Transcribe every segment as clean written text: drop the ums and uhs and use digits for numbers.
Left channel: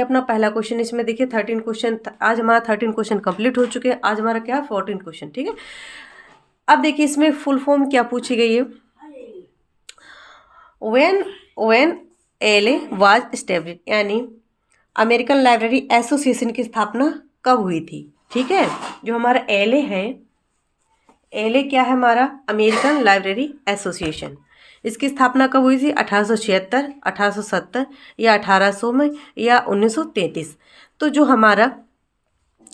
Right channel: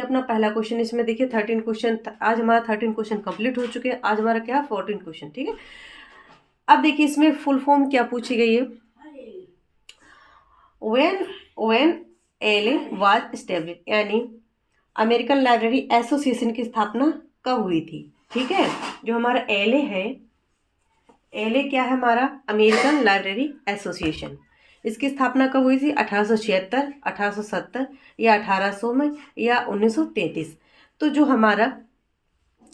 अपना पहला क्वेश्चन इसमें देखिए 13 क्वेश्चन, आज हमारा 13 क्वेश्चन कंप्लीट हो चुके हैं। आज हमारा क्या है 14 क्वेश्चन, ठीक है। अब देखिए इसमें फुल फॉर्म क्या पूछी गई है। व्हेन एलए वाज एस्टेब्लिश, यानी अमेरिकन लाइब्रेरी एसोसिएशन की स्थापना कब हुई थी, ठीक है। जो हमारा एलए है, एलए क्या है हमारा, अमेरिकन लाइब्रेरी एसोसिएशन, इसकी स्थापना कब हुई थी, 1876, 1870 या 1800 में या 1933। तो जो हमारा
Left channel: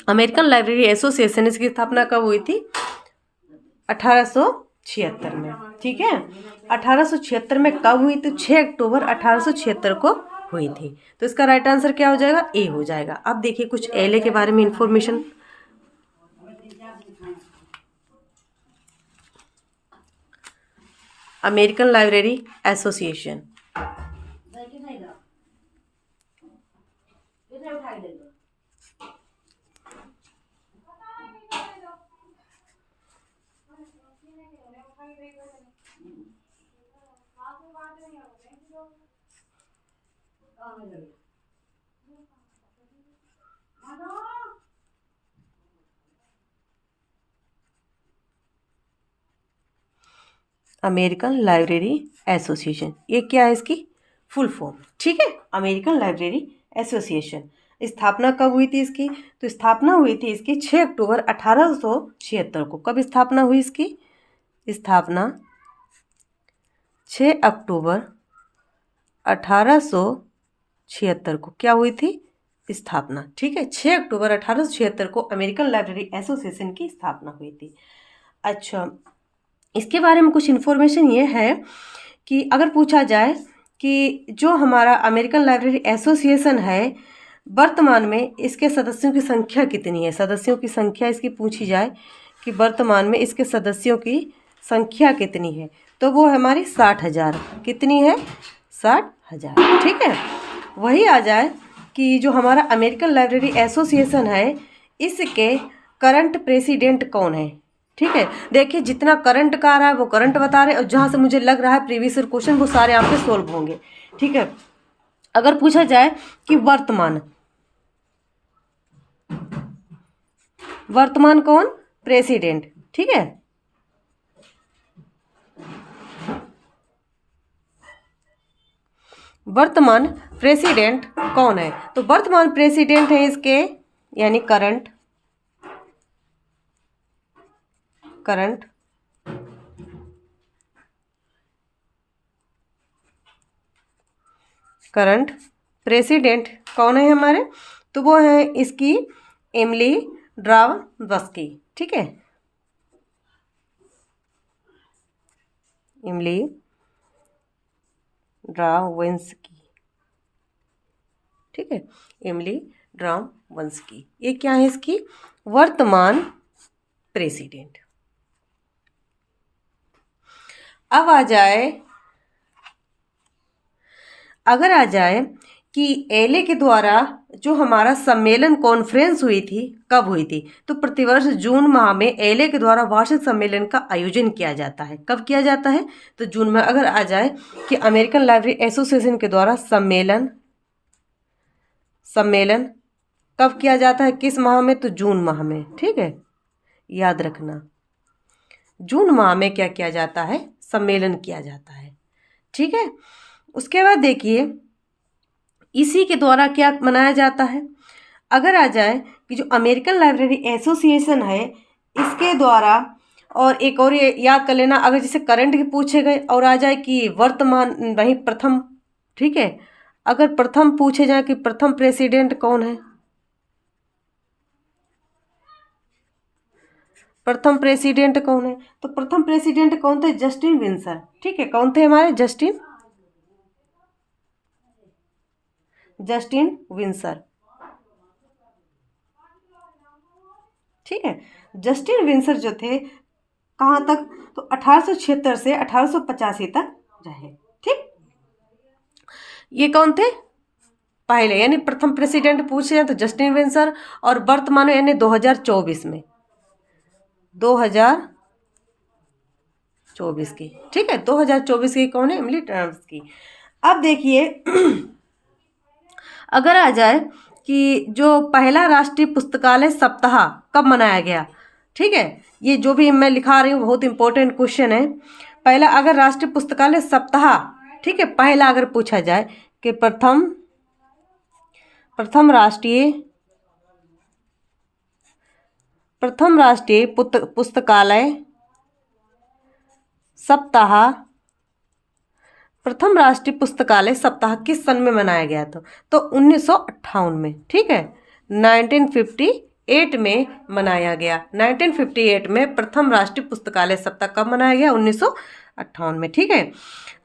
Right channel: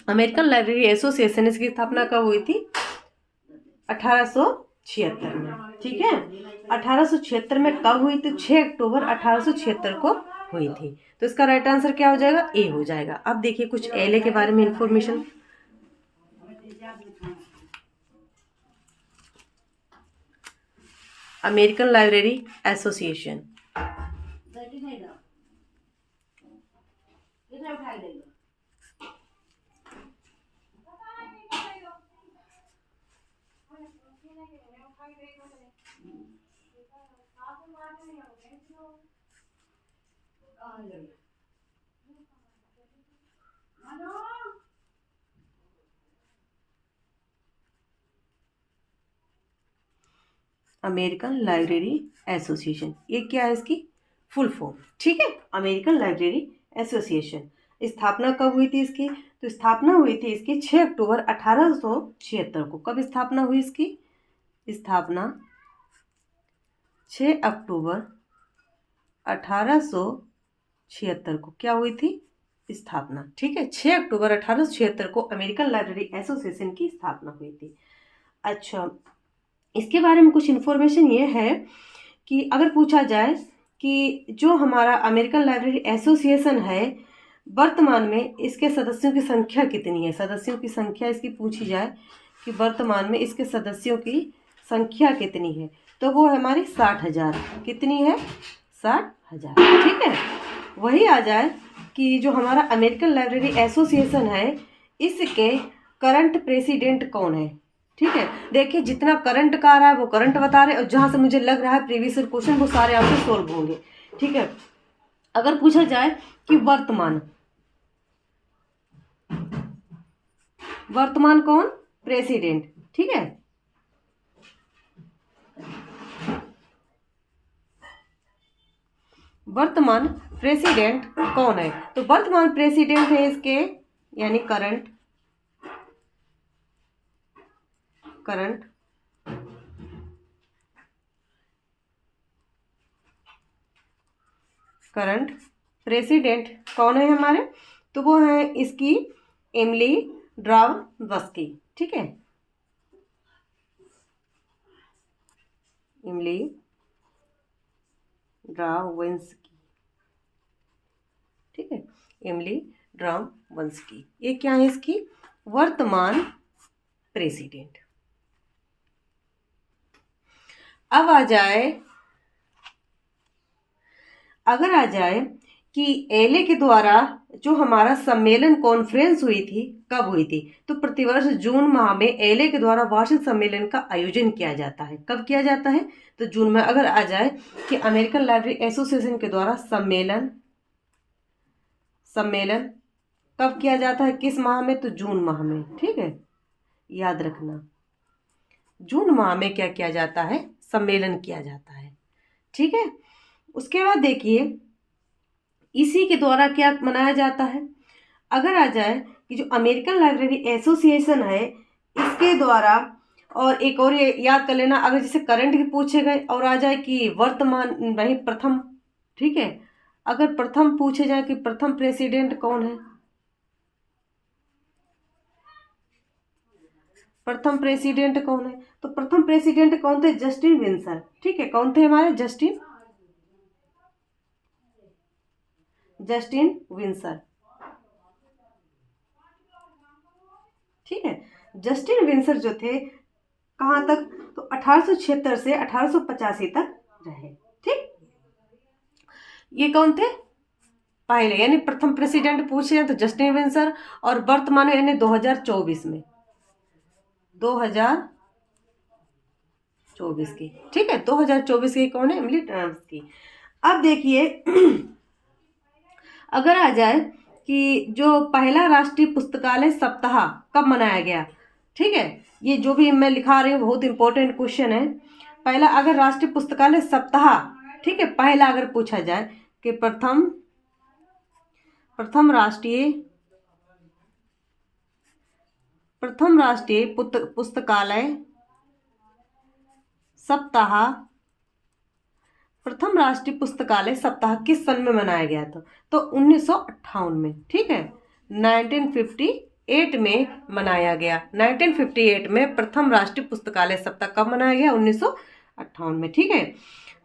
अमेरिकन लाइब्रेरी एसोसिएशन, इसकी स्थापना कब हुई थी, 1876 में, ठीक है। 1876 में कब हुई, तो 6 अक्टूबर 1876 को हुई थी। तो इसका राइट आंसर क्या हो जाएगा, ए हो जाएगा। अब देखिए कुछ एलए के बारे में information. American library association, American library association, ये क्या है इसकी फुल फॉर्म, ठीक है। अमेरिकन लाइब्रेरी एसोसिएशन स्थापना कब हुई थी इसकी, तो स्थापना हुई थी इसकी 6 अक्टूबर 1876 को। कब स्थापना हुई इसकी, स्थापना 6 अक्टूबर 1876 को क्या हुई थी, स्थापना, ठीक है। 6 अक्टूबर 1876 को अमेरिकन लाइब्रेरी एसोसिएशन की स्थापना हुई थी। अच्छा, इसके बारे में कुछ इन्फॉर्मेशन ये है कि अगर पूछा जाए कि जो हमारा अमेरिकन लाइब्रेरी एसोसिएशन है, वर्तमान में इसके सदस्यों की संख्या कितनी है, सदस्यों की संख्या इसकी पूछी जाए कि वर्तमान में इसके सदस्यों की संख्या कितनी है, तो वो हमारी 60,000, कितनी है, 60,000, ठीक है। वही आ जाए कि जो हमारा अमेरिकन लाइब्रेरी एसोसिएशन है, इसके करंट प्रेसिडेंट कौन है, ठीक है। देखिए जितना करंट का आ रहा है वो करंट बता रहे, और जहाँ से मुझे लग रहा है प्रीवियस ईयर क्वेश्चन वो सारे आपके सॉल्व होंगे, ठीक है। अगर पूछा जाए कि वर्तमान कौन, प्रेसिडेंट, ठीक है। वर्तमान प्रेसिडेंट कौन है, तो वर्तमान प्रेसिडेंट है इसके, यानी करंट प्रेसिडेंट कौन है हमारे, तो वो है इसकी एमिली ड्रावस्की, ठीक है। एमिली ड्रावस्की, ठीक है, एमिली ड्रावस्की, ये क्या है इसकी वर्तमान प्रेसिडेंट। अब अगर आ जाए कि एलए के द्वारा जो हमारा सम्मेलन कॉन्फ्रेंस हुई थी, कब हुई थी, तो प्रतिवर्ष जून माह में एलए के द्वारा वार्षिक सम्मेलन का आयोजन किया जाता है। कब किया जाता है, तो जून में। अगर आ जाए कि अमेरिकन लाइब्रेरी एसोसिएशन के द्वारा सम्मेलन कब किया जाता है, किस माह में, तो जून माह में, ठीक है, याद रखना जून माह में क्या किया जाता है, सम्मेलन किया जाता है, ठीक है। उसके बाद देखिए इसी के द्वारा क्या मनाया जाता है। अगर आ जाए कि जो अमेरिकन लाइब्रेरी एसोसिएशन है, इसके द्वारा, और एक और ये याद कर लेना, अगर जैसे करंट के पूछे गए और आ जाए कि वर्तमान वही प्रथम, ठीक है। अगर प्रथम पूछे जाए कि प्रथम प्रेसिडेंट कौन है, प्रथम प्रेसिडेंट कौन है, तो प्रथम प्रेसिडेंट कौन थे, जस्टिन विंसर, ठीक है। कौन थे हमारे, जस्टिन विंसर, ठीक है। जस्टिन विंसर जो थे कहाँ तक, तो 1876 से 1885 तक रहे, ठीक। ये कौन थे, पहले यानी प्रथम प्रेसिडेंट पूछे हैं तो जस्टिन विंसर, और वर्तमान में यानी 2024 में, 2024 की, ठीक है, 2024 की कौन है, एमिली ड्रावस्की की। अब देखिए अगर आ जाए कि जो पहला राष्ट्रीय पुस्तकालय सप्ताह कब मनाया गया, ठीक है, ये जो भी मैं लिखा रही हूँ बहुत इंपॉर्टेंट क्वेश्चन है। पहला अगर राष्ट्रीय पुस्तकालय सप्ताह, ठीक है, पहला अगर पूछा जाए कि प्रथम राष्ट्रीय पुस्तकालय सप्ताह, प्रथम राष्ट्रीय पुस्तकालय सप्ताह किस सन में मनाया गया था? तो 1958 में, ठीक है, 1958 में मनाया गया। 1958 में प्रथम राष्ट्रीय पुस्तकालय सप्ताह कब मनाया गया? 1958 में, ठीक है।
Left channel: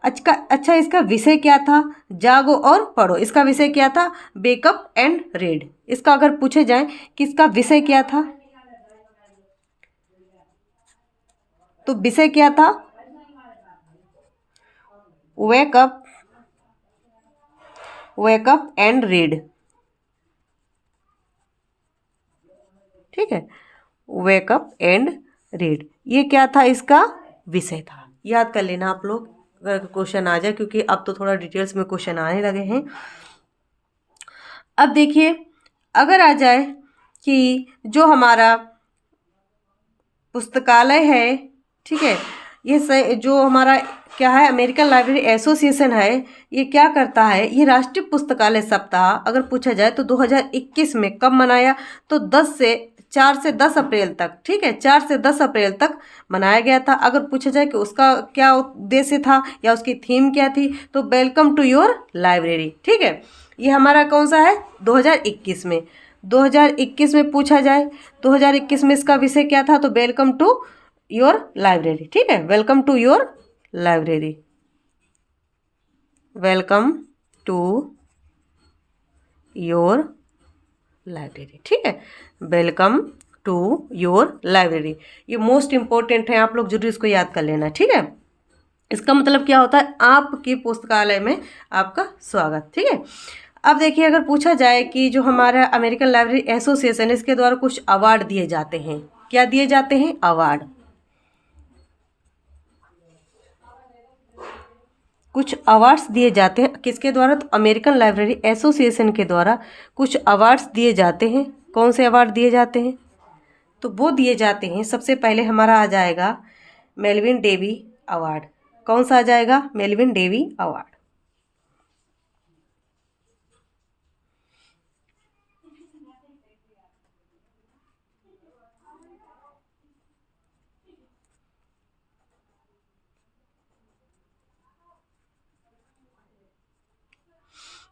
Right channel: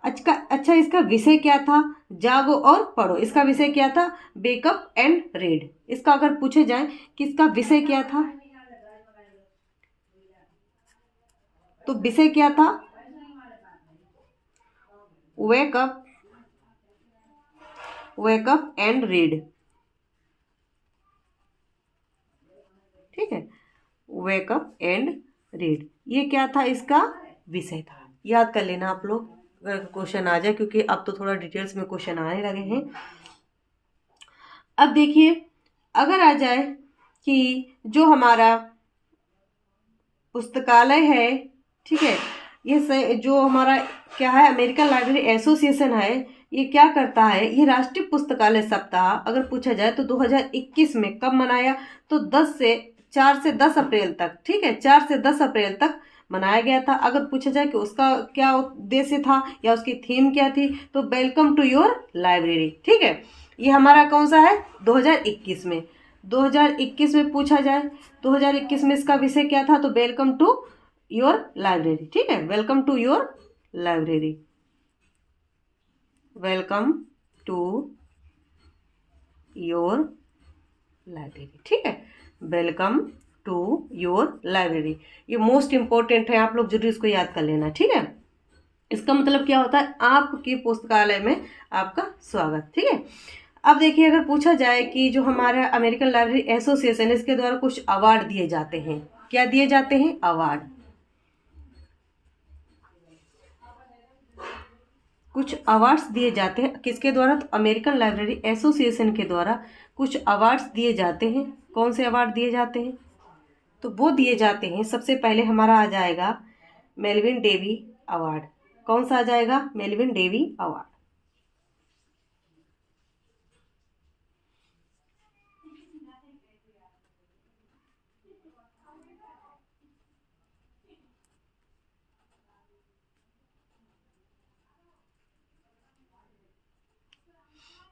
अच्छा इसका विषय क्या था? जागो और पढ़ो। इसका विषय क्या था? Wake up and read. इसका अगर पूछे जाए कि इसका विषय क्या था, तो विषय क्या था? वेकअप एंड रीड, ठीक है, वेकअप एंड रीड, ये क्या था? इसका विषय था। याद कर लेना आप लोग अगर क्वेश्चन आ जाए, क्योंकि अब तो थोड़ा डिटेल्स में क्वेश्चन आने लगे हैं। अब देखिए अगर आ जाए कि जो हमारा पुस्तकालय है, ठीक है, ये जो हमारा क्या है, अमेरिकन लाइब्रेरी एसोसिएशन है, ये क्या करता है? ये राष्ट्रीय पुस्तकालय सप्ताह अगर पूछा जाए तो 2021 में कब मनाया? तो 4 से 10 अप्रैल तक, ठीक है, 4 से 10 अप्रैल तक मनाया गया था। अगर पूछा जाए कि उसका क्या उद्देश्य था या उसकी थीम क्या थी, तो वेलकम टू योर लाइब्रेरी, ठीक है। ये हमारा कौन सा है? 2021 में। 2021 में पूछा जाए, 2021 में इसका विषय क्या था? तो वेलकम टू योर लाइब्रेरी, ठीक है, welcome to your library, welcome to your library, ठीक है, वेलकम टू योर लाइब्रेरी। ये मोस्ट इंपॉर्टेंट है, आप लोग जरूर इसको याद कर लेना, ठीक है। इसका मतलब क्या होता है? आपके पुस्तकालय में आपका स्वागत, ठीक है। अब देखिए अगर पूछा जाए कि जो हमारा अमेरिकन लाइब्रेरी एसोसिएशन, इसके द्वारा कुछ अवार्ड दिए जाते हैं। क्या दिए जाते हैं? अवार्ड। कुछ अवार्ड्स दिए जाते हैं किसके द्वारा? तो अमेरिकन लाइब्रेरी एसोसिएशन के द्वारा कुछ अवार्ड्स दिए जाते हैं। कौन से अवार्ड दिए जाते हैं? तो वो दिए जाते हैं, सबसे पहले हमारा आ जाएगा मेलविन डेवी अवार्ड। कौन सा आ जाएगा? Melvil Dewey award.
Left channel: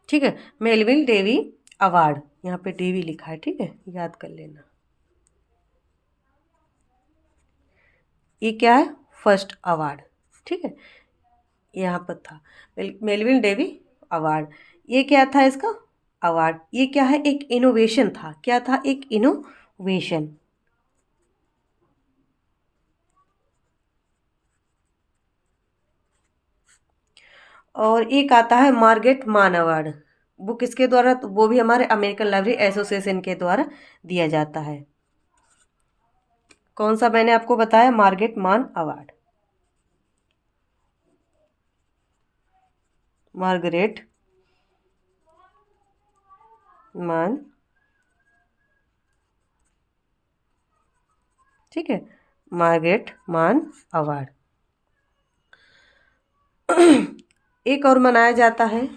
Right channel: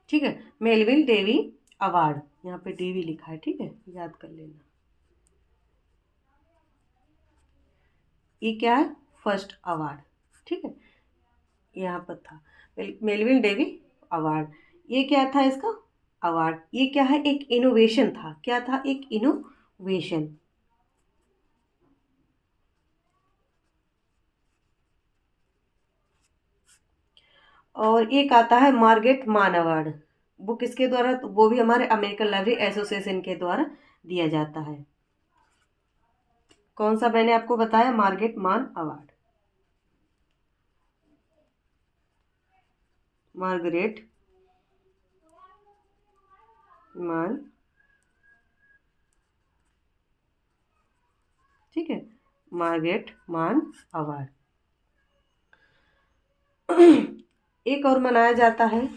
ठीक है, मेलविन डेवी अवार्ड, यहाँ पे डेवी लिखा है, ठीक है, याद कर लेना। ये क्या है? फर्स्ट अवार्ड, ठीक है, यहाँ पर था मेलविन डेवी अवार्ड। ये क्या था इसका अवार्ड? ये क्या है? एक इनोवेशन था। क्या था? एक इनोवेशन। और एक आता है मार्गेट मान अवार्ड। वो किसके द्वारा? तो वो भी हमारे अमेरिकन लाइब्रेरी एसोसिएशन के द्वारा दिया जाता है। कौन सा मैंने आपको बताया? मार्गेट मान अवार्ड, मार्गरेट मान, ठीक है, मार्गरेट मान अवार्ड। एक और मनाया जाता है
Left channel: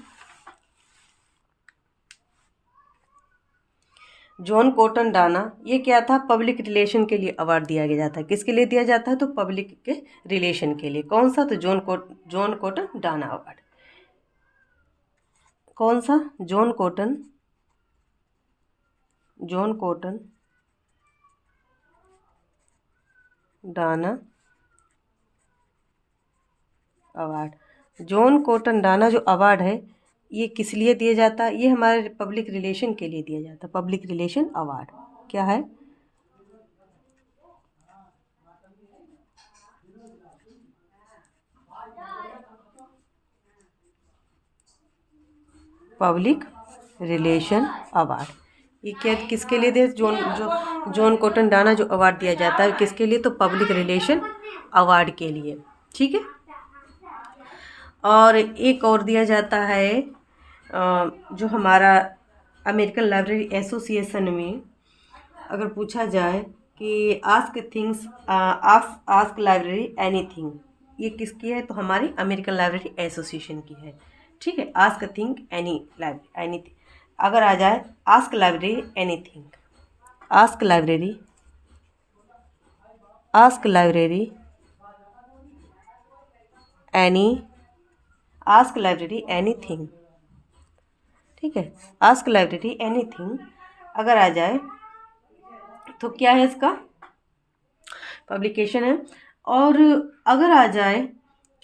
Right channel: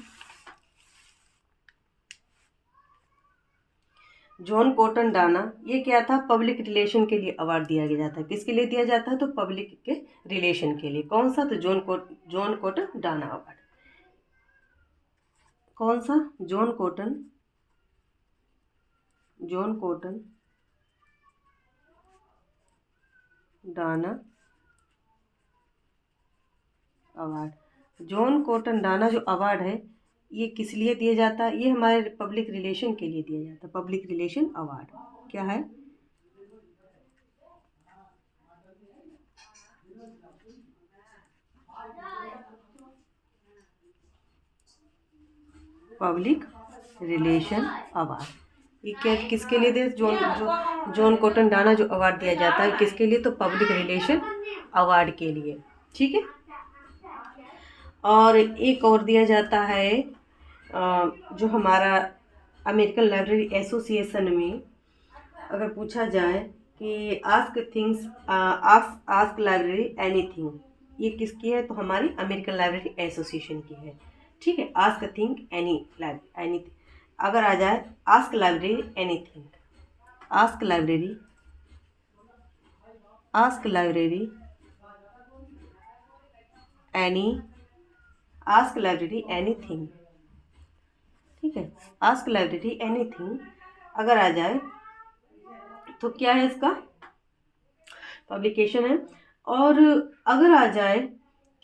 जॉन कॉटन डाना। ये क्या था? पब्लिक रिलेशन के लिए अवार्ड दिया गया जाता है। किसके लिए दिया जाता है? तो पब्लिक के रिलेशन के लिए। कौन सा? तो जॉन कॉटन डाना अवार्ड। कौन सा? John cotton Dana award. John cotton Dana जो अवार्ड है, ये किस लिए दिया जाता है? ये हमारे पब्लिक रिलेशन के लिए दिया जाता है। पब्लिक रिलेशन अवार्ड क्या है? Public relation award. ये क्या किसके लिए दिया? जॉन कॉटन डाना जो अवार्ड दिया जाता है किसके लिए? तो पब्लिक रिलेशन अवार्ड के लिए, ठीक है। और एक और दिया जाता है जो हमारा अमेरिकन लाइब्रेरी एसोसिएशन में अगर पूछा जाए कि आस्क लाइब्रेरी एनीथिंग, ये किसकी है? तो हमारी अमेरिकन लाइब्रेरी एसोसिएशन की है। ठीक है, आस्क थिंग एनीथिंग। अगर आ जाए ask library anything, ask library anything. ठीक है, आस्क लाइब्रेरी एनीथिंग अगर आ जाए तो क्या है? इसका पब्लिकेशन है। और अगर आ जाए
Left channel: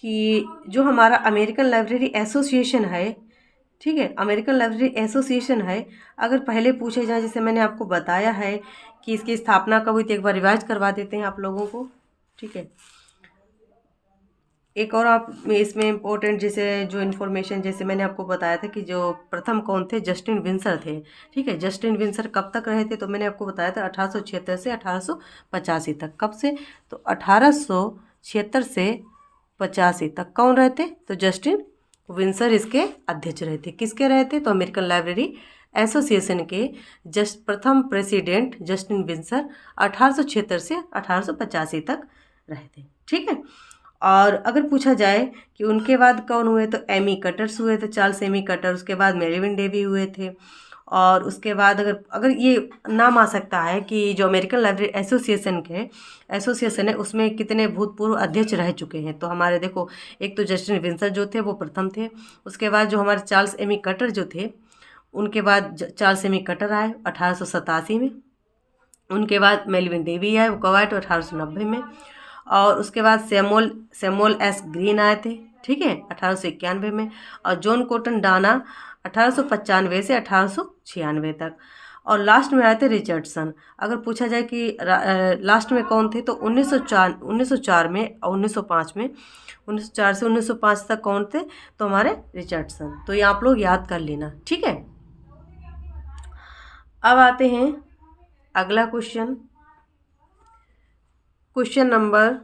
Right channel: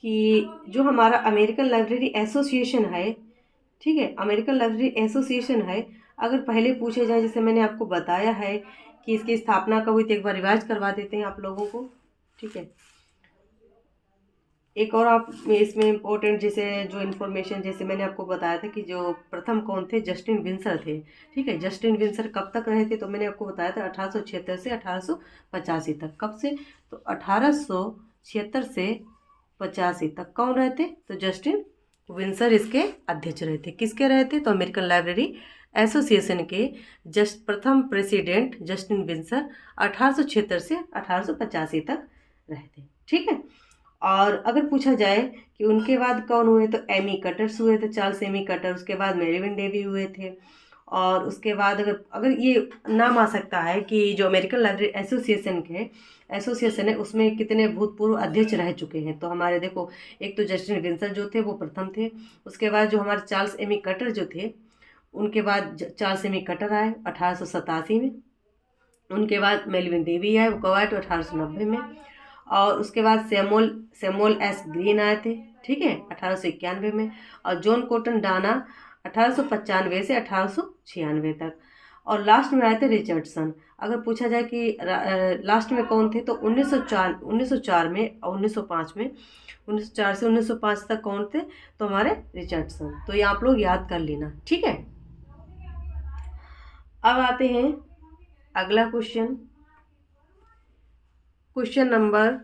कि जो हमारा अमेरिकन लाइब्रेरी एसोसिएशन है, ठीक है, अमेरिकन लाइब्रेरी एसोसिएशन है, अगर पहले पूछे जाए, जैसे मैंने आपको बताया है कि इसकी स्थापना कब हुई थी, एक बार रिवाइज करवा देते हैं आप लोगों को। ठीक है, एक और आप इसमें इम्पोर्टेंट जैसे जो इन्फॉर्मेशन, जैसे मैंने आपको बताया था कि जो प्रथम कौन थे? जस्टिन विंसर थे। ठीक है, जस्टिन विंसर कब तक रहे थे? तो मैंने आपको बताया था 1876 से 1885 तक। कब से? तो 1876 से 85 तक कौन रहे थे? तो जस्टिन विंसर इसके अध्यक्ष रहे थे। किसके रहे थे? तो अमेरिकन लाइब्रेरी एसोसिएशन के प्रथम प्रेसिडेंट जस्टिन विंसर 1876 से 1885 तक रहे थे। ठीक है, और अगर पूछा जाए कि उनके बाद कौन हुए, तो एमी कटर्स हुए थे, चार्ल्स एमी कटर। उसके बाद मेलविन डेवी हुए थे। और उसके बाद अगर अगर ये नाम आ सकता है कि जो अमेरिकन लाइब्रेरी एसोसिएशन है उसमें कितने भूतपूर्व अध्यक्ष रह चुके हैं। तो हमारे देखो, एक तो जस्टिन विंसर जो थे वो प्रथम थे। उसके बाद जो हमारे चार्ल्स एमी कटर जो थे, उनके बाद चार्ल्स एमी कटर आए 1887 में। उनके बाद मेलविन डेवी आए, वो कब आए? तो 1890 में। और उसके बाद सैमुअल एस ग्रीन आए थे। ठीक है, 1891 में। और जॉन कॉटन डाना 1895 से 1896 तक। और लास्ट में आए थे रिचर्डसन। अगर पूछा जाए कि लास्ट में कौन थे, तो 1904 में और 1905 में, 1904 से 1905 तक कौन थे? तो हमारे रिचर्डसन। तो ये आप लोग याद कर लेना। ठीक है, अब आते हैं अगला क्वेश्चन। क्वेश्चन नंबर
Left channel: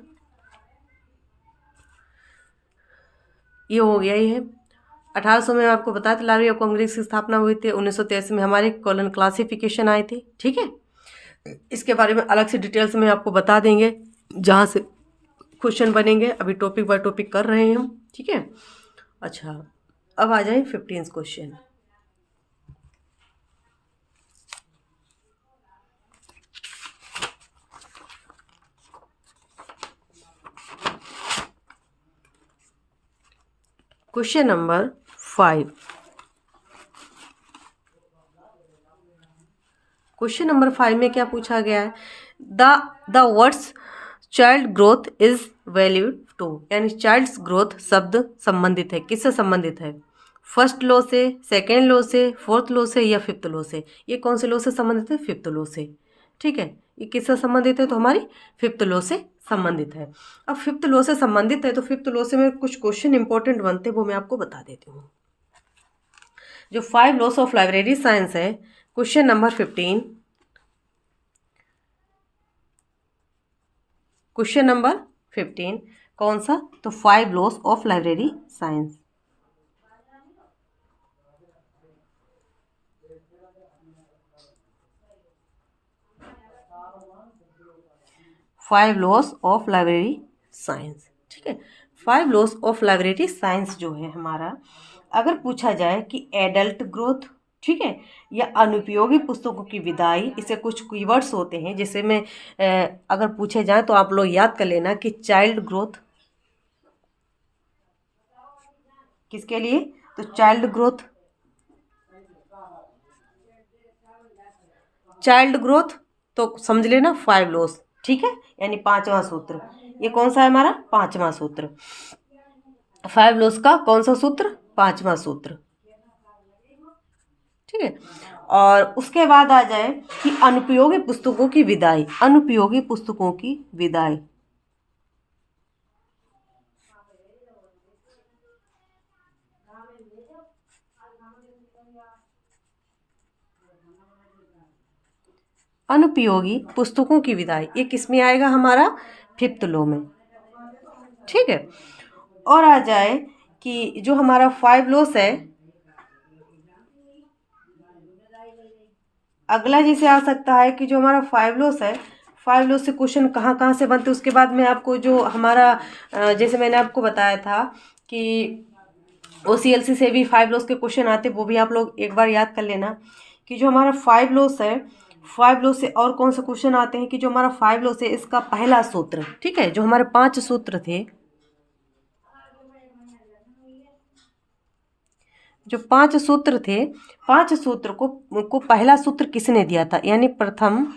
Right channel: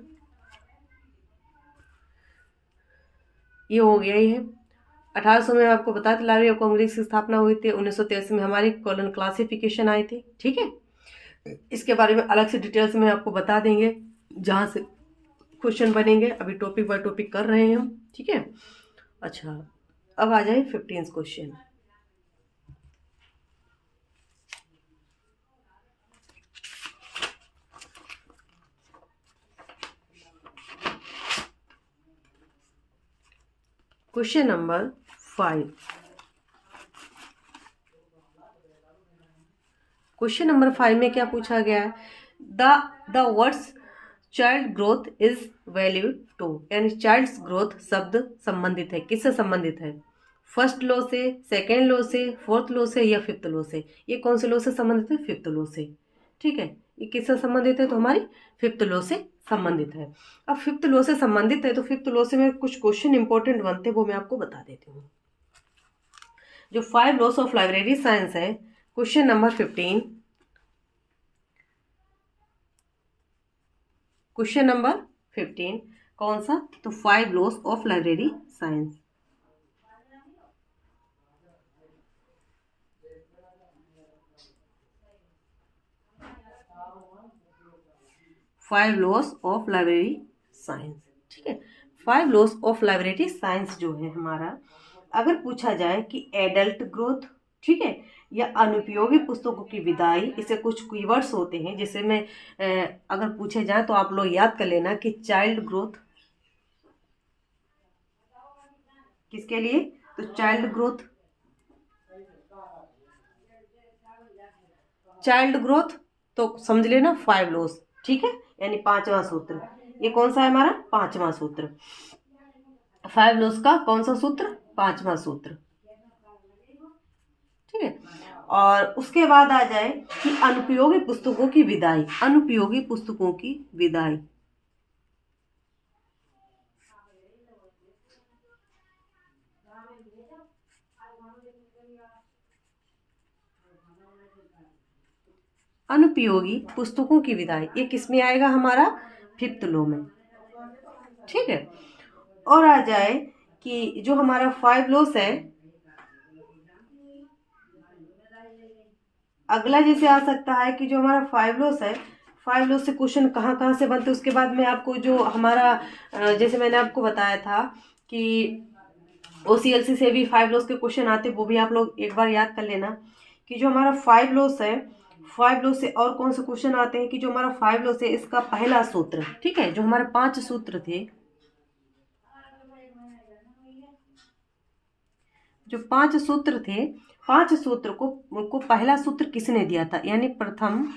ये हो गया ही है। 1800 में आपको बताया था लाइब्रेरी ऑफ कांग्रेस की स्थापना हुई थी। 1983 में हमारी कॉलोन क्लासिफिकेशन आई थी। ठीक है, इसके बारे में अलग से डिटेल्स में आपको बता देंगे जहाँ से क्वेश्चन बनेंगे। अभी टॉपिक बाय टॉपिक कर रहे हैं हम। ठीक है, अच्छा, अब आ जाए 15th question. Question number 5। Question number 5 में क्या पूछा गया है? The words child growth is valued to, यानी चाइल्ड्स ग्रोथ शब्द संबंधित है, किससे संबंधित है? फर्स्ट लॉ से, सेकेंड लॉ से, फोर्थ लॉ से या फिफ्थ लॉ से? ये कौन से लॉ से संबंधित है? फिफ्थ लॉ से। ठीक है, ये किससे संबंधित है? तो हमारी फिफ्थ लॉ से संबंधित है। अब फिफ्थ लॉ से संबंधित है तो फिफ्थ लॉ से में कुछ क्वेश्चन इंपॉर्टेंट बनते हैं, वो मैं आपको बता देती हूँ। जो 5 लॉस ऑफ लाइब्रेरी साइंस है, क्वेश्चन नंबर 15, क्वेश्चन नंबर 15 कौन सा? तो 5 loss of library science. Five loss of library science. ठीक है, 5 लॉस ऑफ लाइब्रेरी साइंस जो है हमारा, अगर पूछा जाए कि एडल्ट ग्रोथ, ठीक है, या अनुपयोगी पुस्तकों की विदाई, इसे कुछ कीवर्ड्स होते हैं जिसे में अगर पूछे जाए तो आप लोग याद कर लेना कि चाइल्ड ग्रोथ किसके लिए? तो चाइल्ड ग्रोथ तो समझ लेना 5 लॉस। ठीक है, यानी 5वां सूत्र। ये कौन सा है हमारा? 5वां सूत्र। 5 लॉस का कौन सा सूत्र? 5वां सूत्र। ठीक है, और उसके बाद आ जाए कि अनुपयोगी पुस्तकों की विदाई, अनुपयोगी पुस्तकों की विदाई। अनुपयोगी पुस्तकों की विदाई, ये किस में आएगा? हमारा फिफ्थ लॉ में। ठीक है, और आ जाए कि जो हमारा 5 लॉस है, अगला जैसे आ सकता है कि जो हमारा 5 लॉस है, 5 लॉस से क्वेश्चन कहाँ कहाँ से बनते हैं। उसके बाद में आपको जो हमारा जैसे मैंने आपको बताया था कि OCLC से भी 5 लॉस के क्वेश्चन आते, वो भी आप लोग एक बार याद कर लेना कि जो हमारा 5 लॉस है, 5 लॉस से और कौन से क्वेश्चन आते हैं कि जो हमारा 5 लॉस है इसका पहला सूत्र, ठीक है, जो हमारे 5 सूत्र थे, जो 5 सूत्र थे, 5 सूत्र को पहला सूत्र किसने दिया था, यानी प्रथम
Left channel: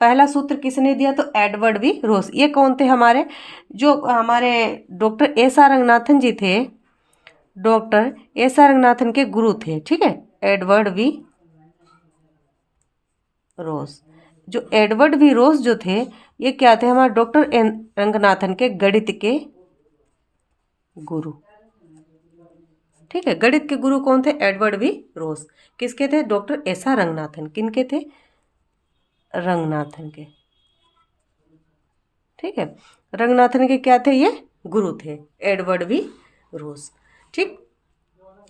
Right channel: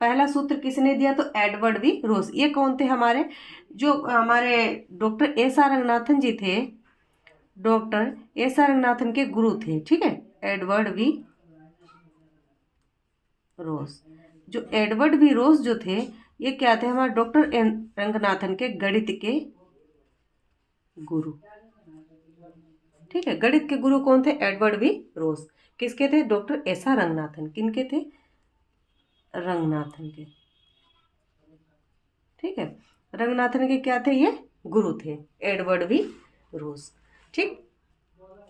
पहला सूत्र किसने दिया, तो एडवर्ड वी रोस। ये कौन थे, हमारे जो हमारे डॉक्टर एस आर रंगनाथन जी थे, डॉक्टर एस आर रंगनाथन के गुरु थे, ठीक है, एडवर्ड वी रोस। जो एडवर्ड वी रोस जो थे, ये क्या थे, हमारे डॉक्टर रंगनाथन के गणित के गुरु, ठीक है। गणित के गुरु कौन थे, एडवर्ड वी रोस। किसके थे, डॉक्टर एस आर रंगनाथन, किनके थे, रंगनाथन के, ठीक है। रंगनाथन के क्या थे, ये गुरु थे, एडवर्ड वी रोस, ठीक।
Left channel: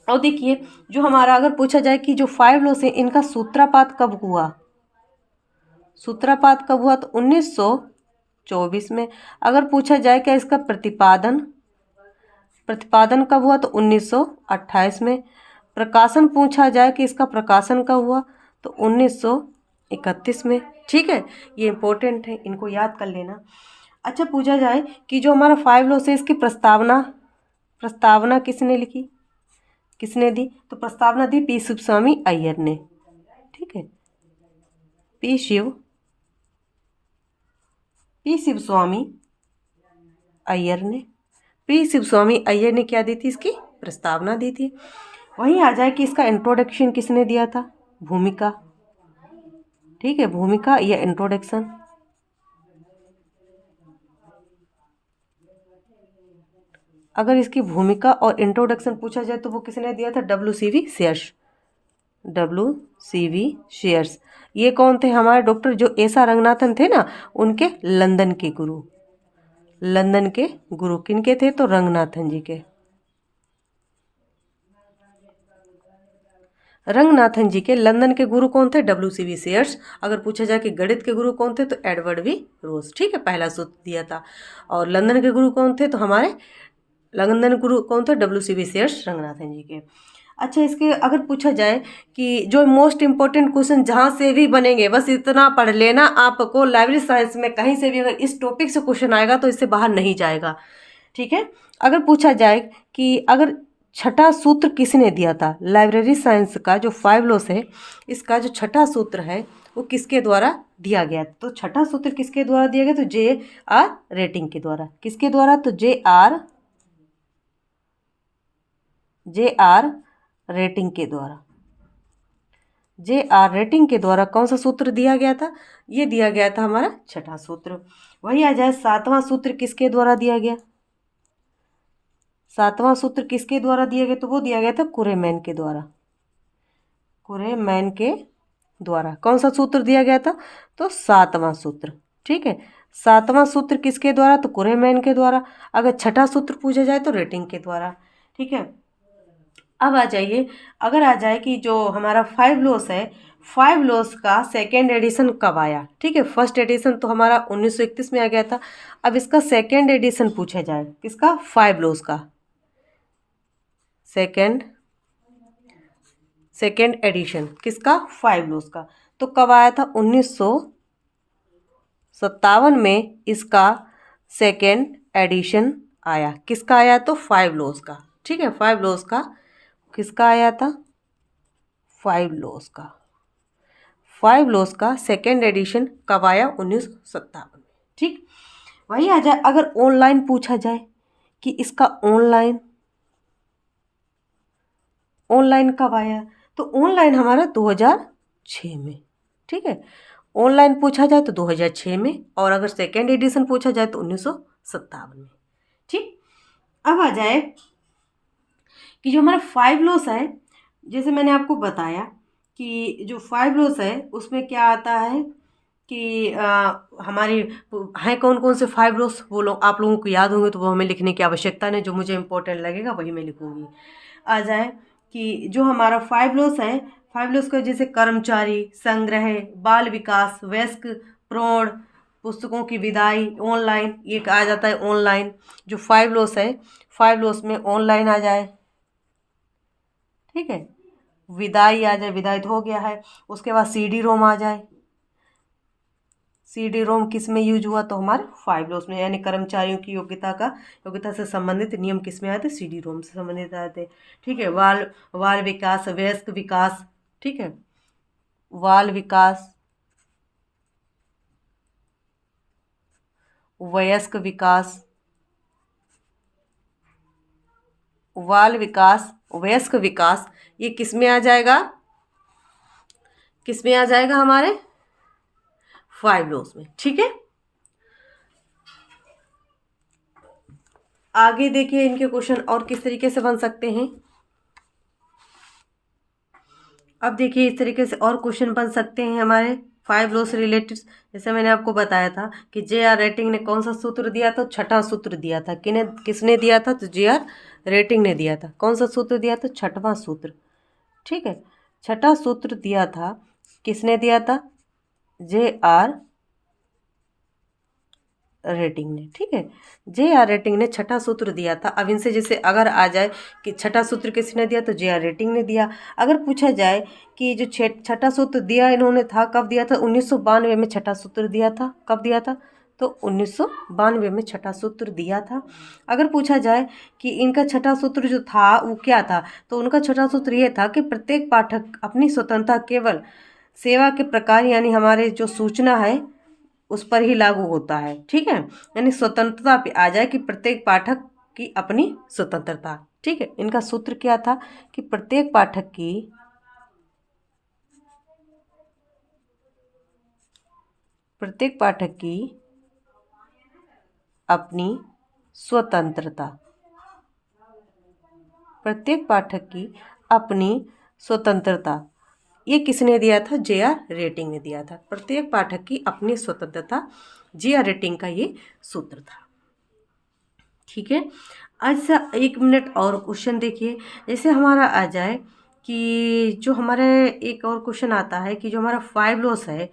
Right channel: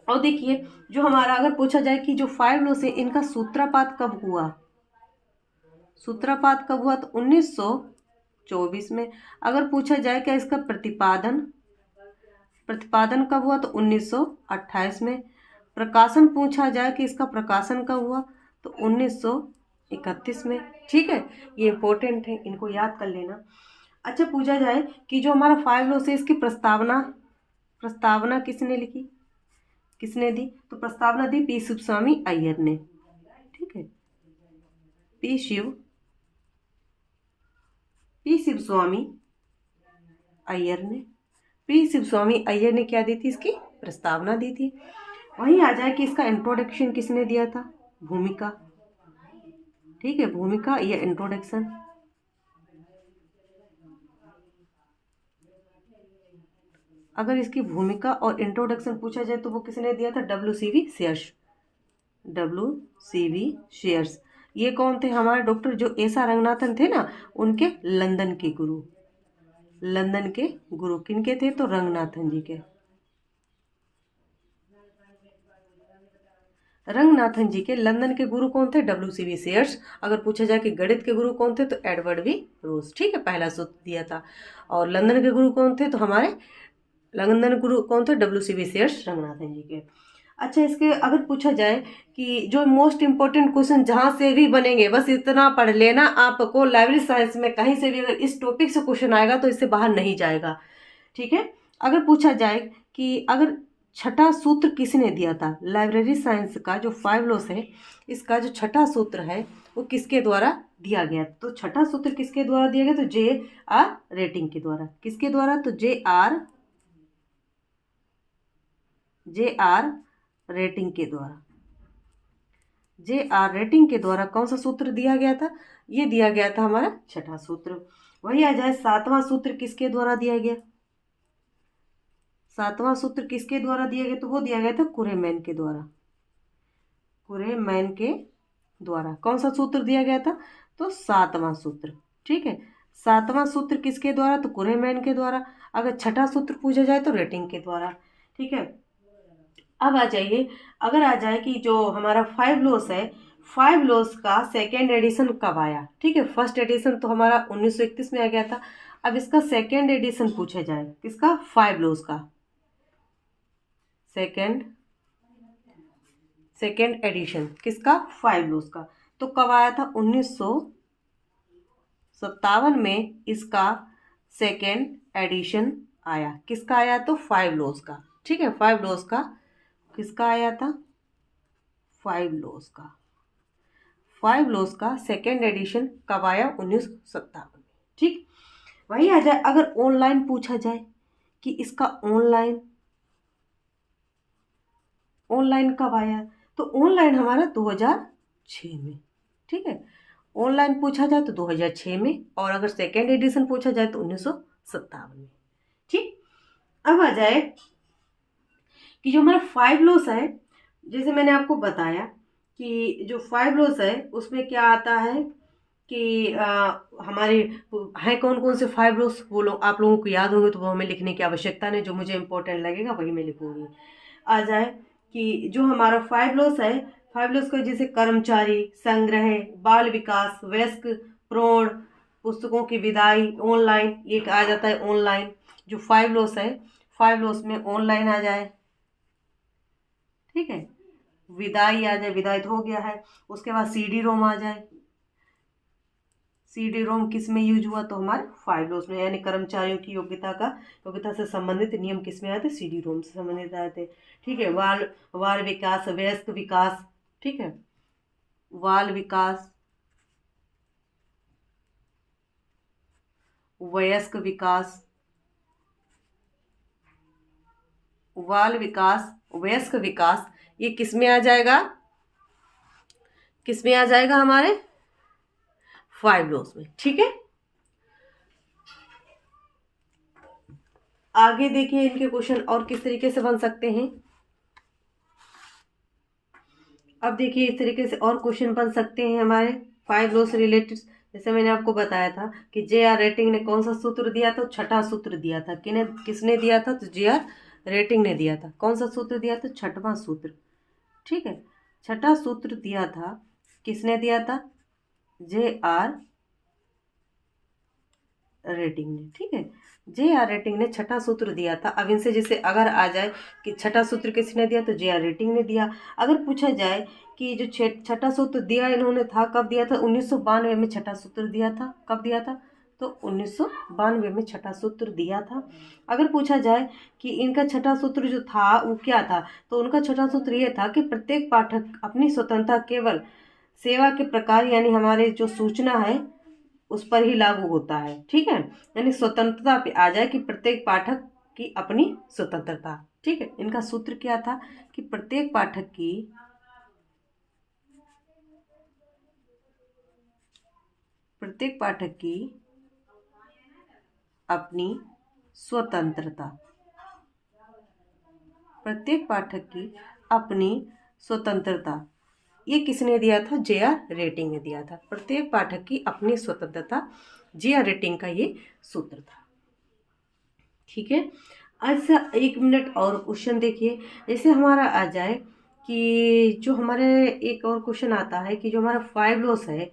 और देखिए जो हमारा अगर पूछा जाए कि जो 5 लॉस है इनका सूत्रपात कब हुआ, सूत्रपात कब हुआ, तो 1924 में। अगर पूछा जाए क्या इसका प्रतिपादन, प्रतिपादन कब हुआ, तो 1928 में। प्रकाशन पूछा जाए कि इसका प्रकाशन कब हुआ, तो 1931 में, ठीक है। ये इंपॉर्टेंट है, इनको याद कर लेना। अच्छा, पूछा जाए कि जो हमारा 5 लॉस है इसकी प्रस्तावना, प्रस्तावना किसने लिखी, किसने दी, तो प्रस्तावना दी पी शिवस्वामी अय्यर ने, ठीक है, पी शिवस्वामी अय्यर ने, पी शिवस्वामी अय्यर ने क्या दी थी, इसकी प्रस्तावना दी थी। वहीं आ जाए कि इसका इंट्रोडक्शन किसने दिया था, भूमिका, ठीक है, भूमिका या इंट्रोडक्शन। अगर इसकी भूमिका और इंट्रोडक्शन पूछा जाए तो वो किसने दिया था, WCV शेयर्स, WCV शेयर्स। ये कौन थे, हमारे डॉक्टर जो एस आर रंगनाथन थे ना, उनके लंदन के गुरु, लंदन के गुरु किनके थे, तो रंगनाथन जी के, रंगनाथन जी के लंदन के गुरु कौन थे, WCV शेयर्स। अगर पूछा जाए कि गणित के गुरु कौन थे, तो एडवर्ड वी रोज, ठीक है, पहला सूत्र दिया था। और लंदन के गुरु कौन थे, तो हमारे लंदन गुरु कौन थे, WCV शेयर्स, रंगनाथन जी के। अच्छा, इसके अगर पूछा जाए कि जो मोस्ट इंपॉर्टेंट क्वेश्चन जहाँ से भी बनेंगे, बस इतना पढ़ लेना, आपको लाइब्रेरी साइंस में कहीं से भी अगर इस टॉपिक से क्वेश्चन आएगा तो इससे बाहर नहीं जाएगा, ठीक है। अगर पूछा जाए कि अगर छठा सूत्र किसने दिया था, लाइब्रेरी साइंस का जो 5 लॉस है इसका जो छठा सूत्र है वो किसके द्वारा दिया गया, तो छठा सूत्र किसके द्वारा दिया गया, तो JR रेटिंग के द्वारा, किसके द्वारा, तो JR रेटिंग के द्वारा, JR रेटिंग के द्वारा कौन सा सूत्र दिया गया था, ये दिया गया था हमारा छठा सूत्र। वही आ जाए सातवां सूत्र किसके द्वारा दिया गया, सातवां सूत्र किसके द्वारा दिया गया, तो वो दिया गया था कुरेमैन के द्वारा, कुरेमैन के द्वारा। कौन सा सूत्र दिया गया था, तो सातवां सूत्र, ठीक है। सातवां सूत्र किसके द्वारा, तो कुरेमैन के द्वारा। अगर छठा सूत्र पूछा जाए तो रेटिंग के द्वारा, ठीक है। अब आ जाइए, अगर आ जाए कि जो हमारा 5 लॉस है, 5 लॉस का सेकेंड एडिशन कब आया, ठीक है। फर्स्ट एडिशन तो हमारा 1931 में आ गया था। अब इसका सेकेंड एडिशन पूछा जाए किसका, 5 लॉस का सेकेंड एडिशन किसका, 5 लॉस का, तो कब आया था, 1957 में इसका सेकेंड एडिशन आया। किसका आया, तो 5 लॉस का, ठीक है, 5 लॉस का किसका आया था, 5 लॉस का, 5 लॉस का सेकेंड एडिशन कब आया, 1957 में, ठीक। वही आ जाए, अगर ऑनलाइन पूछा जाए कि इसका ऑनलाइन कब आया, तो ऑनलाइन हमारा 2006 में, ठीक है। ऑनलाइन पूछा जाए तो 2006 में, और अगर सेकेंड एडिशन पूछा जाए तो 1957 में, ठीक। अब आ जाए कि जो हमारा 5 लॉस है, जैसे मैंने आपको बताया कि जो 5 लॉस है उसमें क्या आता है कि हमारे हैं कौन कौन से 5 लॉस, वो लोग आप लोगों को याद होंगे तो वो हमें लिखने की आवश्यकता नहीं, जो मुझे इंपॉर्टेंट लगेगा वही मैं लिखूंगी। आ जाए कि जो हमारा 5 लॉस है, 5 लॉस का जैसे कर्मचारी, संग्रह, बाल विकास, वयस्क, प्रौढ़, पुस्तकों की विदाई, ऑनलाइन, ये आ जाता है ऑनलाइन। जो 5 लॉस है, 5 लॉस में ऑनलाइन आ जाए, ठीक है, विदाई आ जाए, विदाई तो हो गया है। उसके बाद सीडी रोम आ जाए, सीडी रोम किस में यूज हुआ, तो हमारे 5 लॉस में, यानी कर्मचारियों की योग्यता से संबंधित नियम किस में आए थे, सीडी रोम से संबंधित आए थे। ठीक है, बाल बाल विकास, वयस्क विकास, ठीक है, बाल विकास, वयस्क विकास, बाल विकास, वयस्क विकास, ये किस में आ जाएगा, किस में आ जाएगा, हमारे 5 लॉस में। ठीक है, आगे देखिए इनके क्वेश्चन और किस तरीके से बन सकते हैं। अब देखिए इस तरीके से और क्वेश्चन बन सकते हैं हमारे 5 लॉस रिलेटेड। जैसे मैंने आपको बताया था कि JR रेटिंग ने कौन सा सूत्र दिया था, छठा सूत्र दिया था। किसने दिया था, तो JR रेटिंग ने दिया था। कौन सा सूत्र दिया था, छठवां सूत्र। ठीक है, छठा सूत्र दिया था, किसने दिया था, JR रेटिंग ने। ठीक है, JR रेटिंग ने छठा सूत्र दिया था। अब इनसे जैसे अगर आ जाए कि छठा सूत्र किसने दिया, तो JR रेटिंग ने दिया। अगर पूछा जाए कि जो छठा सूत्र दिया इन्होंने था, कब दिया था, 1992 में छठा सूत्र दिया था। कब दिया था, तो 1992 में छठा सूत्र दिया था। अगर पूछा जाए कि इनका छठा सूत्र जो था वो क्या था, तो उनका छठा सूत्र ये था कि प्रत्येक पाठक अपनी स्वतंत्रता केवल सेवा के प्रकार, यानी हमारे जो सूचना है उस पर ही लागू होता है। ठीक है, यानी स्वतंत्रता पे आ जाए कि प्रत्येक पाठक की अपनी स्वतंत्रता। ठीक है, इनका सूत्र क्या था कि प्रत्येक पाठक की अपनी स्वतंत्रता, प्रत्येक पाठक की अपनी स्वतंत्रता। ये किसने दिया था, JR रेटिंग ने दिया था। प्रत्येक पाठक की अपनी स्वतंत्रता, JR रेटिंग का ये सूत्र था। ठीक है, अच्छा 1 मिनट और क्वेश्चन देखिए। जैसे हमारा आ जाए कि जो हमारे एक और क्वेश्चन आता है कि जो हमारा 5 लॉस है,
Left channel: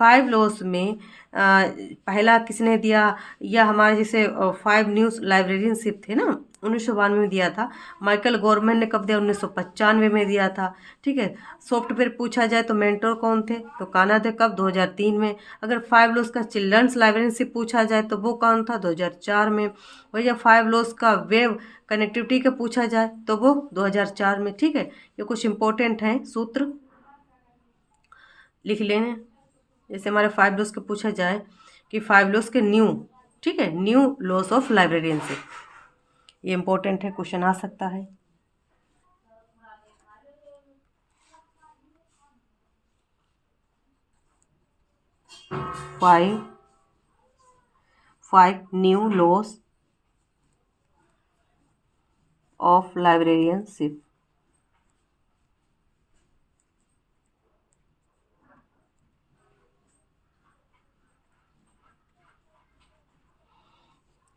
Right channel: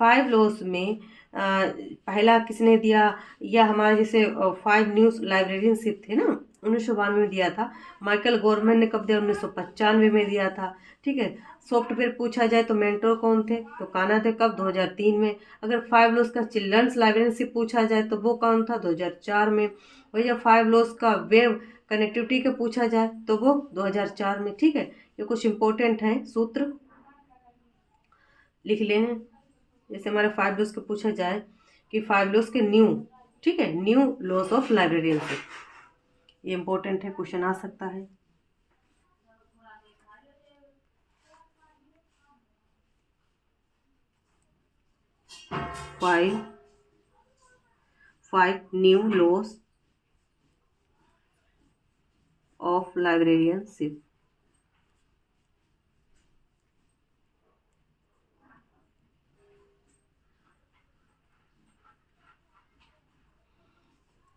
5 लॉस में पहला किसने दिया, या हमारे जैसे 5 न्यूज़ लाइब्रेरियनशिप थे ना, 1992 में दिया था। माइकल गवर्नमेंट ने कब दिया, 1995 में दिया था। ठीक है, सॉफ्टवेयर पूछा जाए तो मेंटोर कौन थे, तो कान्हा थे। कब, 2003 में। अगर 5 लॉस का चिल्ड्रंस लाइब्रेरियनशिप पूछा जाए तो वो कौन था, 2004 में। वही जब 5 लॉस का वेब कनेक्टिविटी का पूछा जाए तो वो 2004 में। ठीक है, ये कुछ इंपॉर्टेंट हैं सूत्र, लिख लेने। जैसे हमारे 5 लॉस के पूछा जाए कि 5 लॉस के न्यू, ठीक है, न्यू लॉस ऑफ लाइब्रेरियनशिप, ये इंपॉर्टेंट है, क्वेश्चन आ सकता है। Five new loss of librarianship.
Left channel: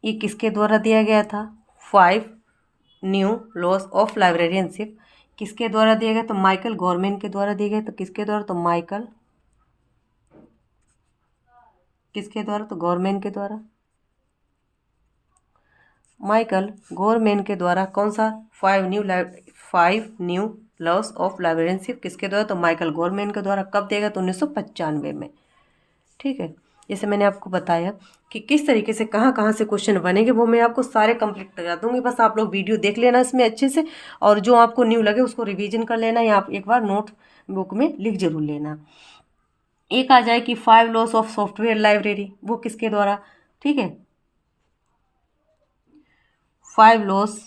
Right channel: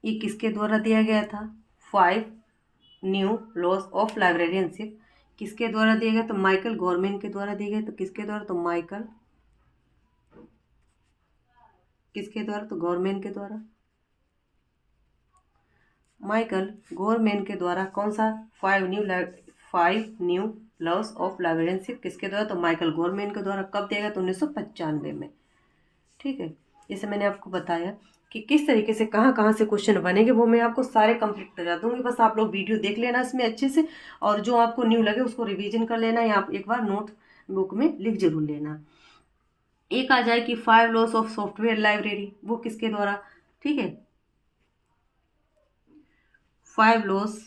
ये किसके द्वारा दिया गया था, 5 न्यू लॉस ऑफ लाइब्रेरियनशिप किसके द्वारा दिया गया, तो माइकल गवर्नमेंट के द्वारा दिया गया। तो किसके द्वारा, तो माइकल, किसके द्वारा, तो गवर्नमेंट के द्वारा। माइकल गवर्नमेंट के द्वारा कौन सा, 5 न्यू लॉस ऑफ लाइब्रेरियनशिप किसके द्वारा, तो माइकल गवर्नमेंट के द्वारा। कब देगा, तो 1995 में। ठीक है, जैसे मैंने आपको बताया कि किस तरीके से कहाँ कहाँ से क्वेश्चन बनेंगे, वो मैं आपको सारे कंप्लीट करा दूंगी। बस आप लोग वीडियो देख लेना इसमें अच्छे से, और जो आपको न्यू लगे उसको रिवीजन कर लेना, या आप एक बार नोट बुक में लिख जरूर लेना। एक आ जाए कि 5 लॉस ऑफ सॉफ्टवेयर लाइब्रेरी, वो किसके द्वारा। ठीक है, 5 लॉस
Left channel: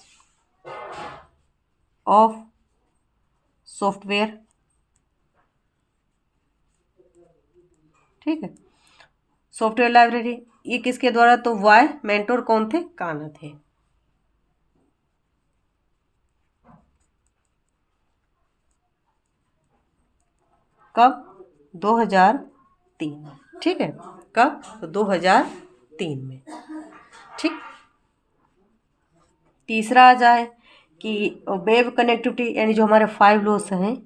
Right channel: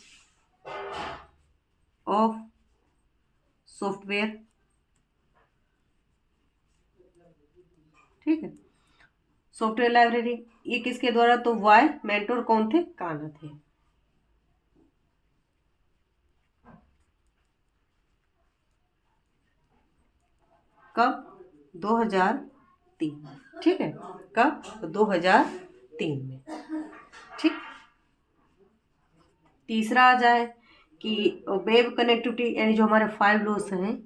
ऑफ सॉफ्टवेयर, ठीक है, सॉफ्टवेयर लाइब्रेरी, ये किसके द्वारा, तो वाई मेंटोर कौन थे, कान्हा थे। कब, 2003। ठीक है, कब, तो 2003 में। ठीक, तीसरा आ जाए कि वेब कनेक्टिविटी यानी जो हमारे 5 लॉस हैं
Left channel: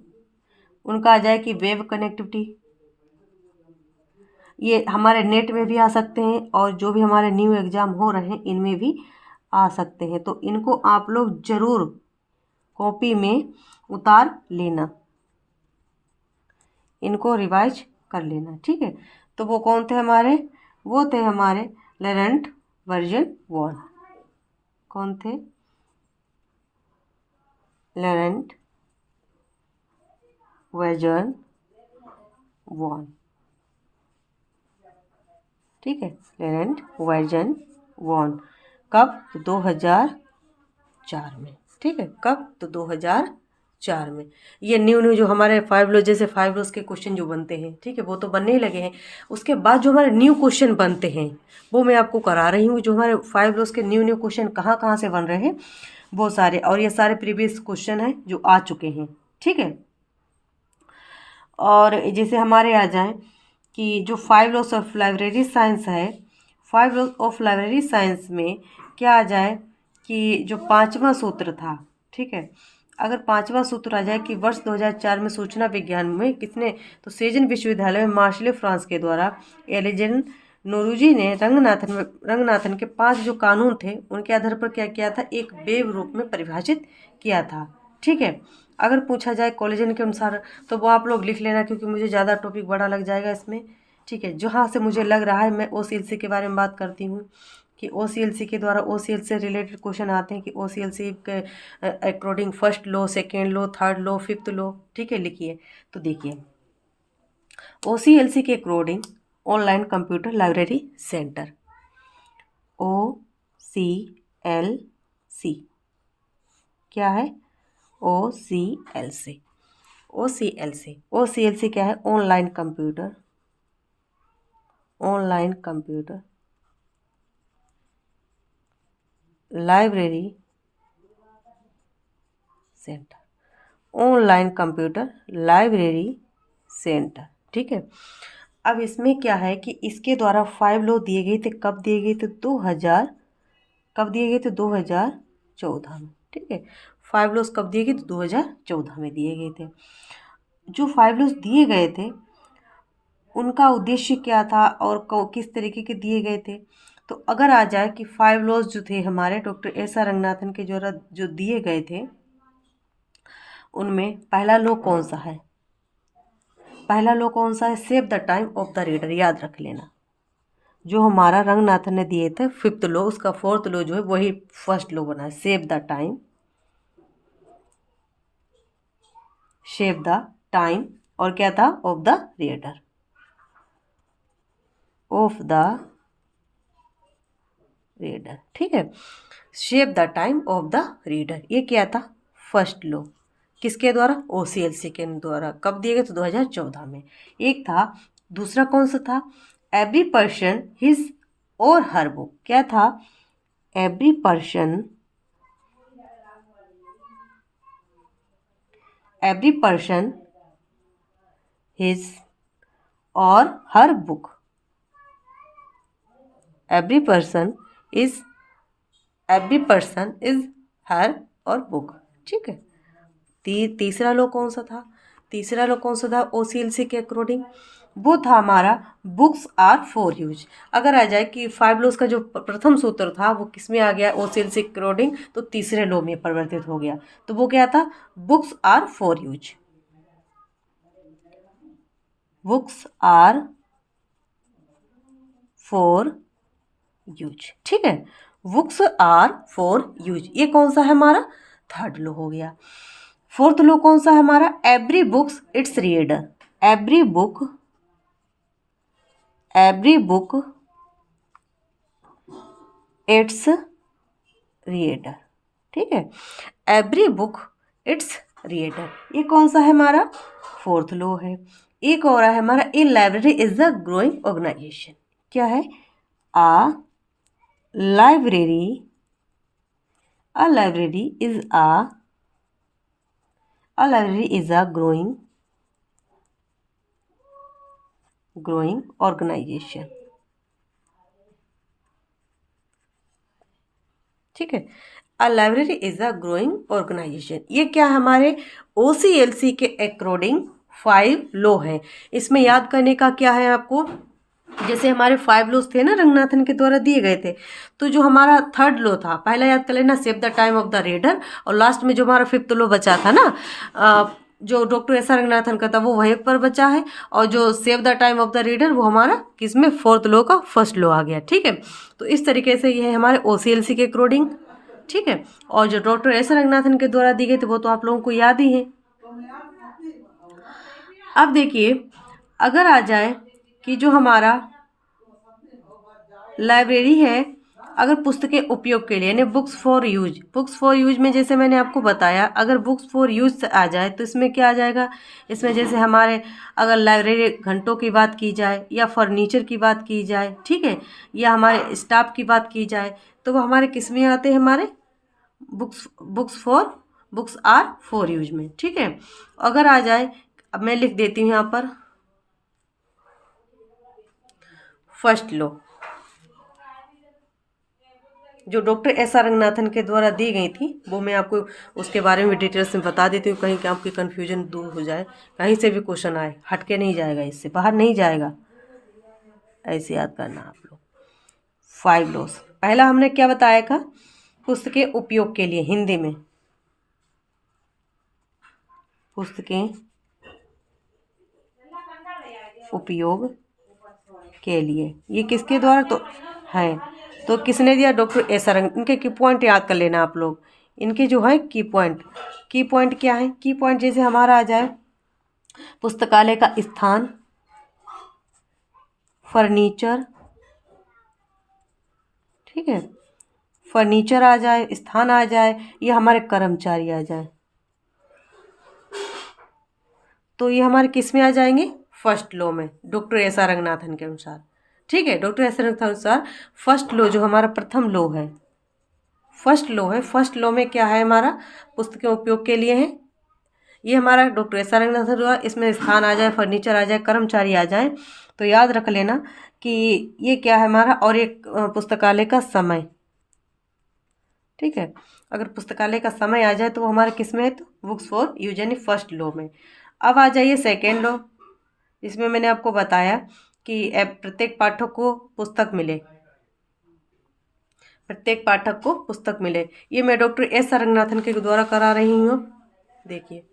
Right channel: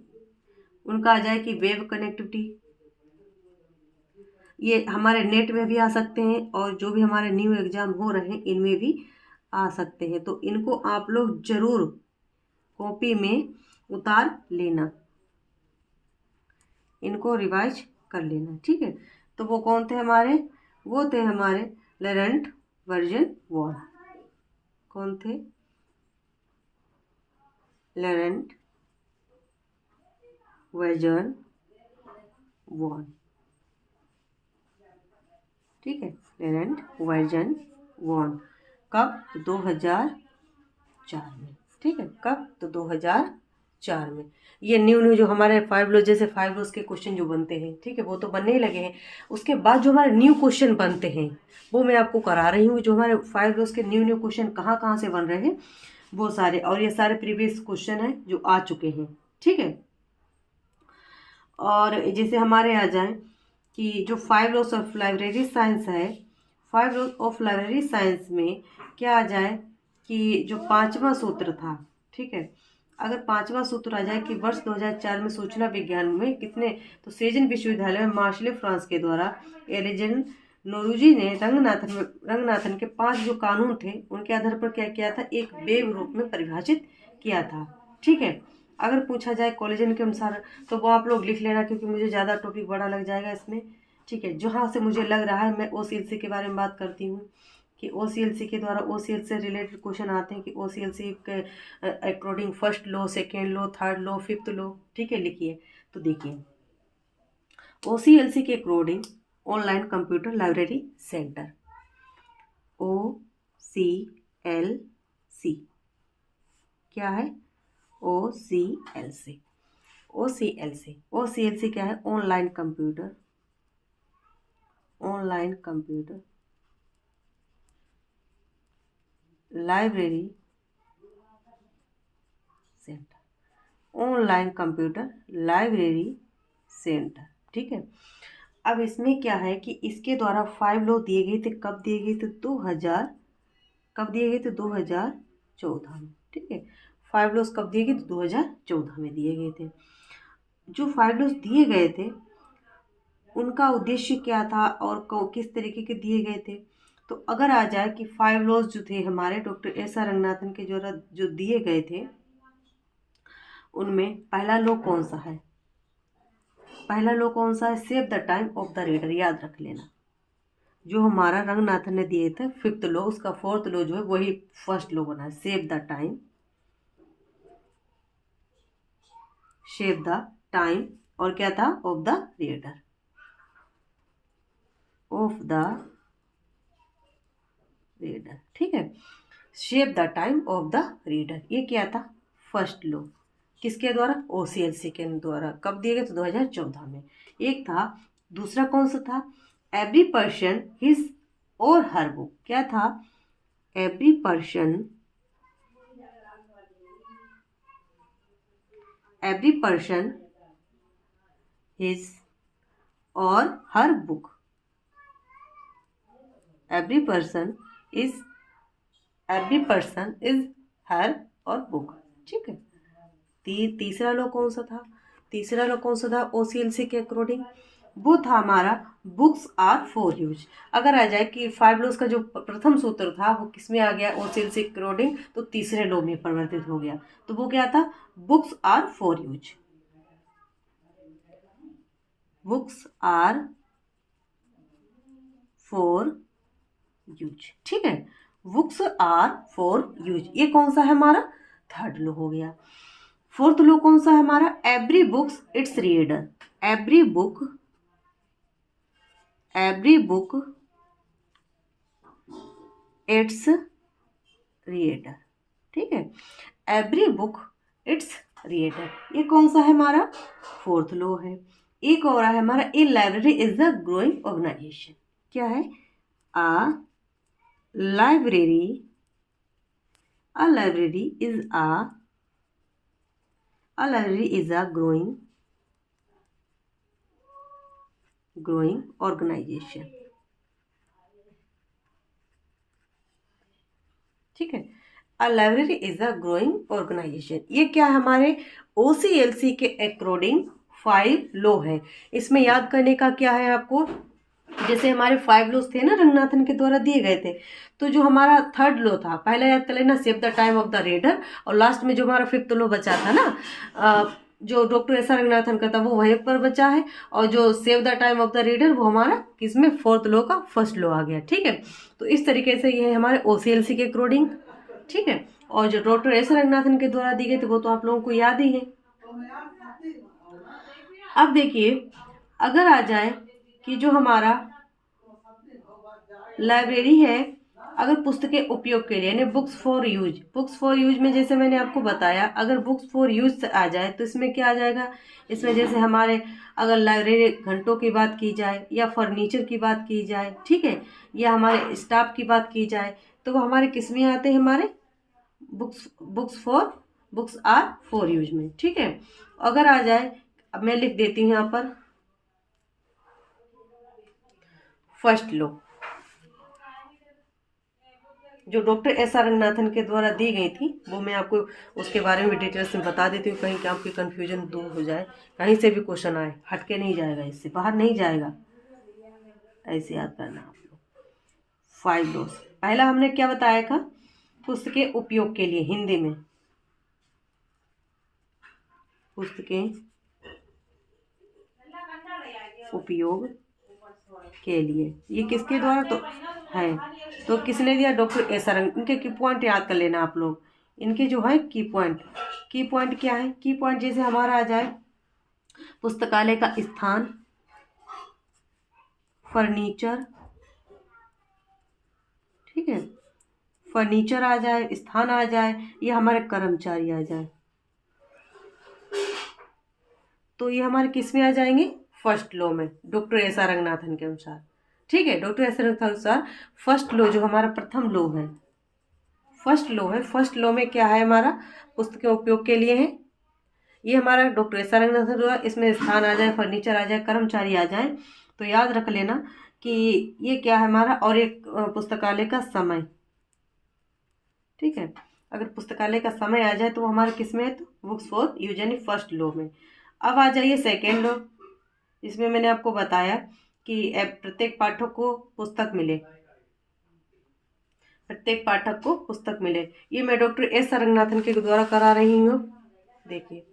उनका आ जाए कि वेब कनेक्टिविटी, ये हमारे नेट में भी आ सकते हैं और जो भी हमारे न्यू एग्ज़ाम हो रहे हैं इनमें भी आ सकते हैं। तो इनको आप लोग ज़रूर कॉपी में उतार लेना, इनको रिवाइज कर लेना, ठीक है। तो वो कौन थे हमारे, वो थे हमारे लरेंट वर्जन 1। कौन थे, लरेंट वर्जन 1, ठीक है। लरेंट वर्जन 1 कब, तो 2004 में, ठीक है। कब, तो 2004 में। ये न्यू जो हमारे 5 लॉ, जैसे 5 लॉस के क्वेश्चन जो बनते हैं, ठीक है, वो तो बनने ही लगे हैं। उसके बाद जो हमारे न्यू क्वेश्चन बनते हैं वो मैं आपको करा रही हूँ। जो हमारे 5 लॉस के न्यू क्वेश्चन कहाँ कहाँ से बन रहे हैं वो सारे, और ये सारे प्रीवियस क्वेश्चन हैं जो आ चुके हैं, ठीक है। और जैसे हमारे आ जाए कि जो 5 लॉस ऑफ लाइब्रेरी साइंस है, 5 लॉस ऑफ लाइब्रेरी साइंस में क्या आ जाए कि जो 5वां सूत्र था, ठीक है, अगर 5वां सूत्र आ जाए कि वर्ष 2004 में सूचना विज्ञान में किसने, तो सेजन विश्वविद्यालय में मार्शले फ्रांस के द्वारा एलिजन नोरूजी ने रंगनाथन के 5 जो कानून थे उनके आधार पर क्या किया था, एक वेव रूप में परिभाषित किया था, ठीक है। अगर पूछा जाए कॉलेजन के अनुसार तो वो आप लोग लिख लेना, क्योंकि मुझे ज़्यादा टॉपिक बड़ा लग जाएगा इसमें, ठीक है। जहाँ से मुझे लग रहा है मैं OCLC के बारे में बात करती हूँ कि OCLC के द्वारा OCLC से रिलेटेड क्वेश्चन आते हैं कि OCLC के according first law, second law, third law, fifth law, ठीक है, लिखिए। तो देखिए OCLC के according online computer library centre, OCLC क्या है, OCLC क्या है, online computer library centre, online computer library centre, ठीक है। अब इसमें क्या है कि इसके द्वारा 5 लॉ दिए गए थे, कब दिए गए थे, 2000, कब दिए गए थे, 2014 में, ठीक है। 5 लॉस कब दिए गए थे, 2014 में दिए गए थे। जो 5 लॉस दिए गए थे उनका उद्देश्य क्या था और किस तरीके के दिए गए थे। तो अगर आ जाए कि 5 लॉस जो थे हमारे डॉक्टर SR रंगनाथन के द्वारा जो दिए गए थे, उनमें पहला लॉ कौन सा है, पहला लॉ कौन सा है, save the time of the reader, याद रख लेना। जो हमारा रंगनाथन ने दिए थे 5th लॉ, उसका 4th लॉ जो है वही फर्स्ट लॉ बना है, सेव द टाइम और क्या था, ऑफ द रीडर, ठीक है। Shape the time of the reader, ये क्या था, फर्स्ट लॉ, किसके द्वारा, OCLC के द्वारा, कब दिए गए, तो 2014 में। एक था, दूसरा कौन सा था, एवरी पर्सन हिज और हर बुक, क्या था, एवरी पर्सन हिज और हर बुक, एवरी पर्सन इज हर और बुक, ठीक है। तीसरा लॉ कौन सा था, OCLC के अकॉर्डिंग, वो था हमारा बुक्स आर फॉर यूज। अगर आ जाए कि 5 लॉस का जो प्रथम सूत्र था वो किस में आ गया, OCLC के अकॉर्डिंग, तो तीसरे लॉ में परिवर्तित हो गया। तो वो क्या था, बुक्स आर फॉर यूज, ठीक है। बुक्स आर फॉर यूज, ये कौन सा है हमारा, थर्ड लॉ हो गया। फोर्थ लॉ कौन सा है हमारा, every books it's reader, every book it's reader, ठीक है। एवरी बुक इट्स रीडर, ये कौन सा है हमारा, फोर्थ लॉ है। एक और है हमारा, a library is a growing organisation, क्या है, a library is a growing organisation, ठीक है। A library is a growing organisation. ये क्या है, हमारे OCLC के अकॉर्डिंग 5 लॉ है। इसमें याद करने का क्या है आपको, जैसे हमारे 5 लॉज थे ना रंगनाथन के द्वारा दिए गए थे, तो जो हमारा थर्ड लॉ था, पहला याद कर लेना, save the time of the reader, और लास्ट में जो हमारा 5th लॉ बचा था ना, जो डॉक्टर एस आर रंगनाथन का था वो वहीं पर बचा है, और जो save the time of the reader वो हमारा किसमें, 4th लॉ का फर्स्ट लॉ आ गया। ठीक है, तो इस तरीके से ये है हमारे OCLC के अकॉर्डिंग। ठीक है, और जो डॉक्टर एस आर रंगनाथन के द्वारा दी गई थी वो तो आप लोगों को याद ही है। अब देखिए, अगर आ जाए कि जो हमारा लाइब्रेरी है, अगर पुस्तकें उपयोग के लिए यानी books for use, books for use में जैसे मैंने आपको बताया, अगर बुक्स फॉर यूज आ जाए तो इसमें क्या आ जाएगा, इसमें जैसे हमारे अगर लाइब्रेरी घंटों की बात की जाए या फर्नीचर की बात की जाए, ठीक है, या हमारे स्टाफ की बात की जाए, तो वो हमारे किस में आते हैं, हमारे बुक्स आर फॉर यूज में। ठीक है, अगर आ जाए, अब मैं लिख देती हूँ यहाँ पर फर्स्ट लॉ, जो डॉक्टर एस आर रंगनाथन के द्वारा दी गई थी, वो मैं आपको उसके बारे में डिटेल्स में बता देती हूँ, कहीं कि आपकी कन्फ्यूजन दूर हो जाए, कहीं से भी क्वेश्चन आए हटके नहीं जाएगा, इससे बाहर नहीं जाएगा, ऐसे याद करना आप लोग। 5 लॉस, पहला हमने क्या बताया था, पुस्तकें उपयोग के लिए, हिंदी में पुस्तकें उपयोग के लिए, ये किसके द्वारा तो है, तो किसने दिया, डॉक्टर एस आर रंग। इनके की पॉइंट याद कर लेना आप लोग, इनके जो है की पॉइंट, की पॉइंट क्या है, की पॉइंट जैसे हमारा आ जाए, पुस्तकालय का स्थान, फर्नीचर, ठीक है, फर्नीचर आ जाए, स्थान आ जाए, ये हमारे कर्मचारी आ जाए, तो ये हमारे किस में आ जाएंगे, फर्स्ट लॉ में, डॉक्टर एस आर रंगनाथन के अनुसार। ठीक है, डॉक्टर एस आर रंगनाथन के अनुसार फर्स्ट लॉ जो हमारा प्रथम लॉ है, फर्स्ट लॉ है, फर्स्ट लॉ में क्या है हमारा, पुस्तकें उपयोग के लिए है, ये हमारा डॉक्टर एस आर रंगनाथन हुआ, इसमें स्थान आ जाए, फर्नीचर आ जाए, कर्मचारी आ जाए, तो याद रख लेना कि ये क्या है हमारा, और एक पुस्तकालय का समय। ठीक है, अगर पुस्तकालय का समय आ जाए तो वो हमारे किस में है, तो बुक्स फॉर यूज यानी फर्स्ट लॉ में। अब आ जाइए सेकेंड लॉ, इसमें मैंने आपको बताया कि प्रत्येक पाठक को पुस्तक मिले, प्रत्येक पाठक को पुस्तक मिले, ये मैं डॉक्टर एस आर रंगनाथन के द्वारा करा रही हूँ। देखिए,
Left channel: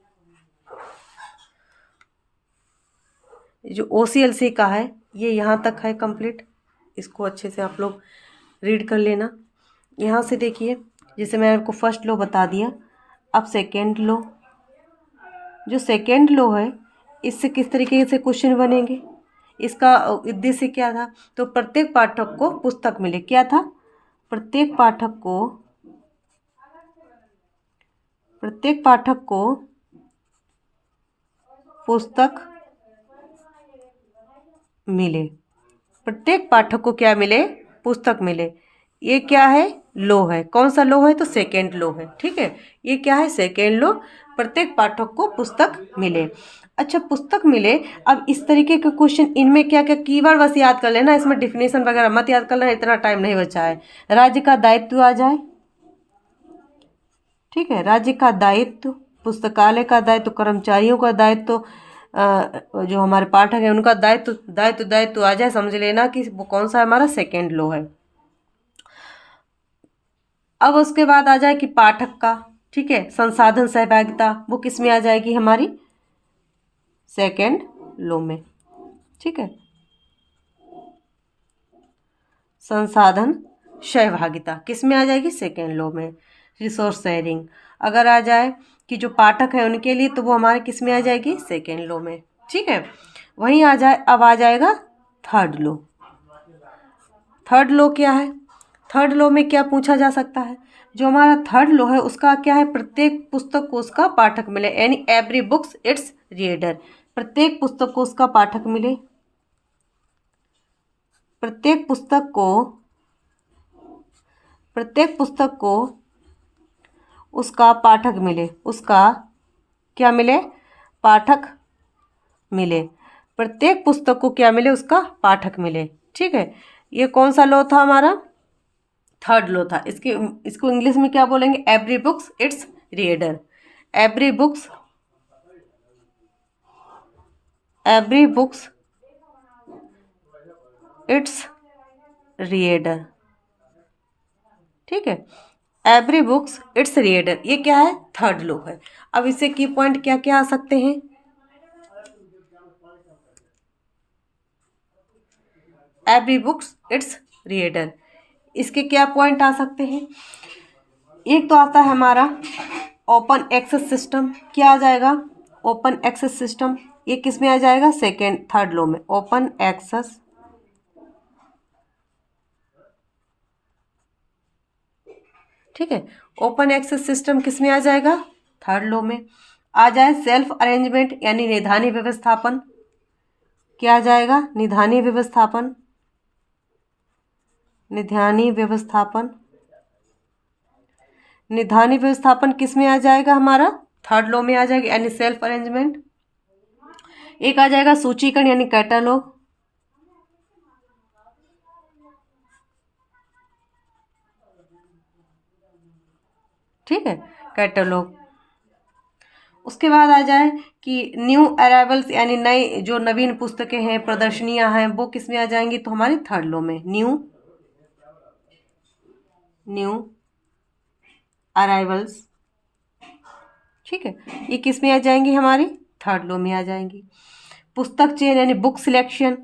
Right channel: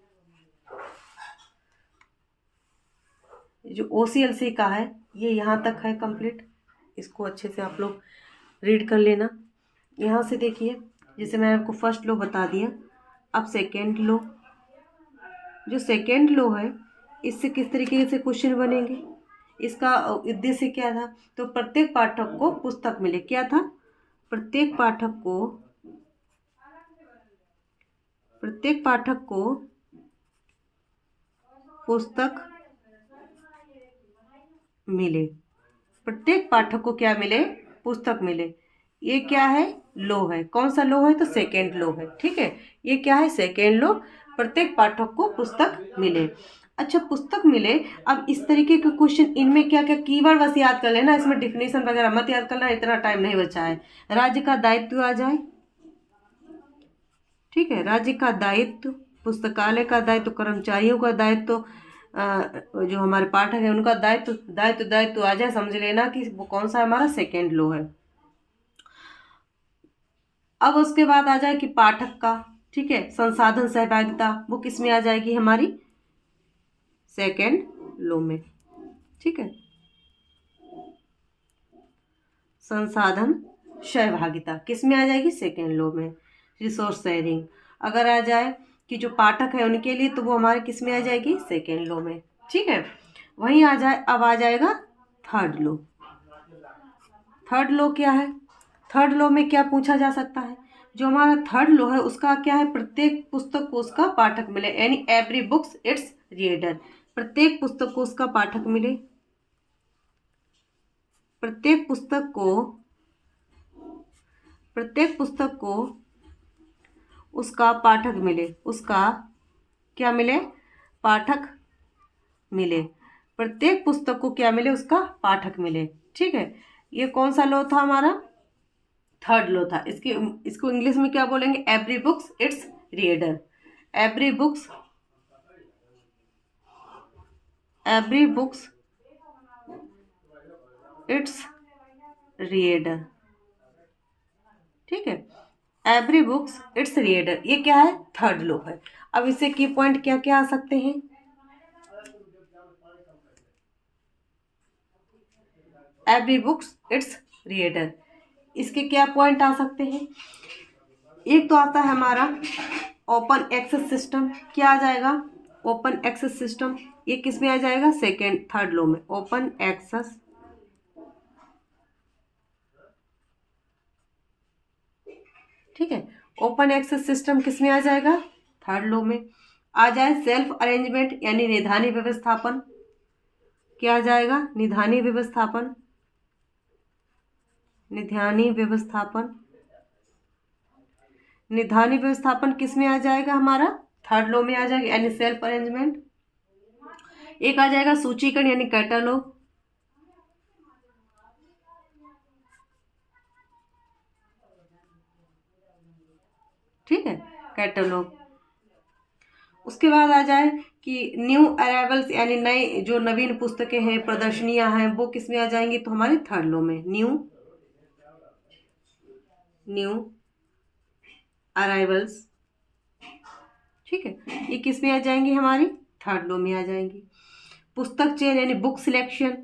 जो OCLC का है ये यहाँ तक है कंप्लीट, इसको अच्छे से आप लोग रीड कर लेना। यहाँ से देखिए, जैसे मैंने आपको फर्स्ट लॉ बता दिया, अब सेकेंड लॉ, जो सेकेंड लॉ है इससे किस तरीके से क्वेश्चन बनेंगे, इसका उद्देश्य क्या था, तो प्रत्येक पाठक को पुस्तक मिले, क्या था, प्रत्येक पाठक को, प्रत्येक पाठक को पुस्तक मिले, प्रत्येक पाठक को क्या मिले, पुस्तक मिले, ये क्या है, लो है, कौन सा लो है, तो सेकेंड लो है। ठीक है, ये क्या है, सेकेंड लो, प्रत्येक पाठक को पुस्तक मिले। अच्छा, पुस्तक मिले, अब इस तरीके के क्वेश्चन, इनमें क्या क्या कीवर्ड बस याद कर लेना, इसमें डिफिनेशन वगैरह मत याद कर लेना, इतना टाइम नहीं बचा है। राज्य का दायित्व आ जाए, ठीक है, राज्य का दायित्व, पुस्तकालय का दायित्व, कर्मचारियों का दायित्व, जो हमारे पाठक है उनका दायित्व, दायित्व आ जाए, समझ लेना कि वो कौन सा हमारा सेकेंड लो है। अब उसके बाद आ जाए कि पाठक का, ठीक है, संसाधन सहभागिता, वो किस में आ जाएगी, हमारी सेकेंड लो में। ठीक है, संसाधन सहभागिता किस में आ जाएगी, सेकेंड लो में। रिसोर्स शेयरिंग अगर आ जाए कि जो पाठक है उनके लिए, तो वो हमारे किस में आ जाएगी, सेकेंड लो में। ठीक है, वहीं आ जाए, अब आ जाएगा थर्ड लो। थर्ड लो क्या है, थर्ड लो में क्या पूछा जा सकता है, जो हमारा थर्ड लो है उसका क्या है, प्रत्येक पुस्तक को उसका पाठक मिले, यानी एवरी बुक्स इट्स रीडर, प्रत्येक पुस्तक को उसका पाठक मिले, प्रत्येक पुस्तक को, प्रत्येक पुस्तक को उसका पाठक मिले, उसका क्या मिले, पाठक मिले, प्रत्येक पुस्तक को क्या मिले, उसका पाठक मिले। ठीक है, ये कौन सा लॉ था हमारा, थर्ड लो था। इसको इंग्लिश में क्या बोलेंगे? Every books it's reader. Every books it's reader. ठीक है, एवरी बुक्स इट्स रीडर, ये क्या है? थर्ड लो है। अब इससे की पॉइंट क्या क्या आ सकते हैं? एवरी बुक्स इट्स रीडर, इसके क्या पॉइंट आ सकते हैं? एक तो आता है हमारा ओपन एक्सेस सिस्टम। क्या आ जाएगा? Open access system. ये किस में आ जाएगा? सेकेंड थर्ड लो में। ओपन एक्सेस, ठीक है, ओपन एक्सेस सिस्टम किस में आ जाएगा? थर्ड लो में। आ जाए सेल्फ अरेंजमेंट यानी निधानी व्यवस्थापन। क्या आ जाएगा? निधानी व्यवस्थापन। निधानी व्यवस्थापन, निधानी व्यवस्थापन किस में आ जाएगा? हमारा थर्ड लो में आ जाएगा यानी सेल्फ अरेंजमेंट। एक आ जाएगा सूचीकरण यानी कैटलॉग। ठीक है, कैटलॉग। उसके बाद आ जाए कि न्यू अराइवल्स यानी नई जो नवीन पुस्तकें हैं, प्रदर्शनियां हैं, वो किस में आ जाएंगी? तो हमारी थर्ड लो में। न्यू अराइवल्स, ठीक है, ये किस में आ जाएंगी? हमारी थर्ड लो में आ जाएंगी। पुस्तक चयन यानी बुक सिलेक्शन,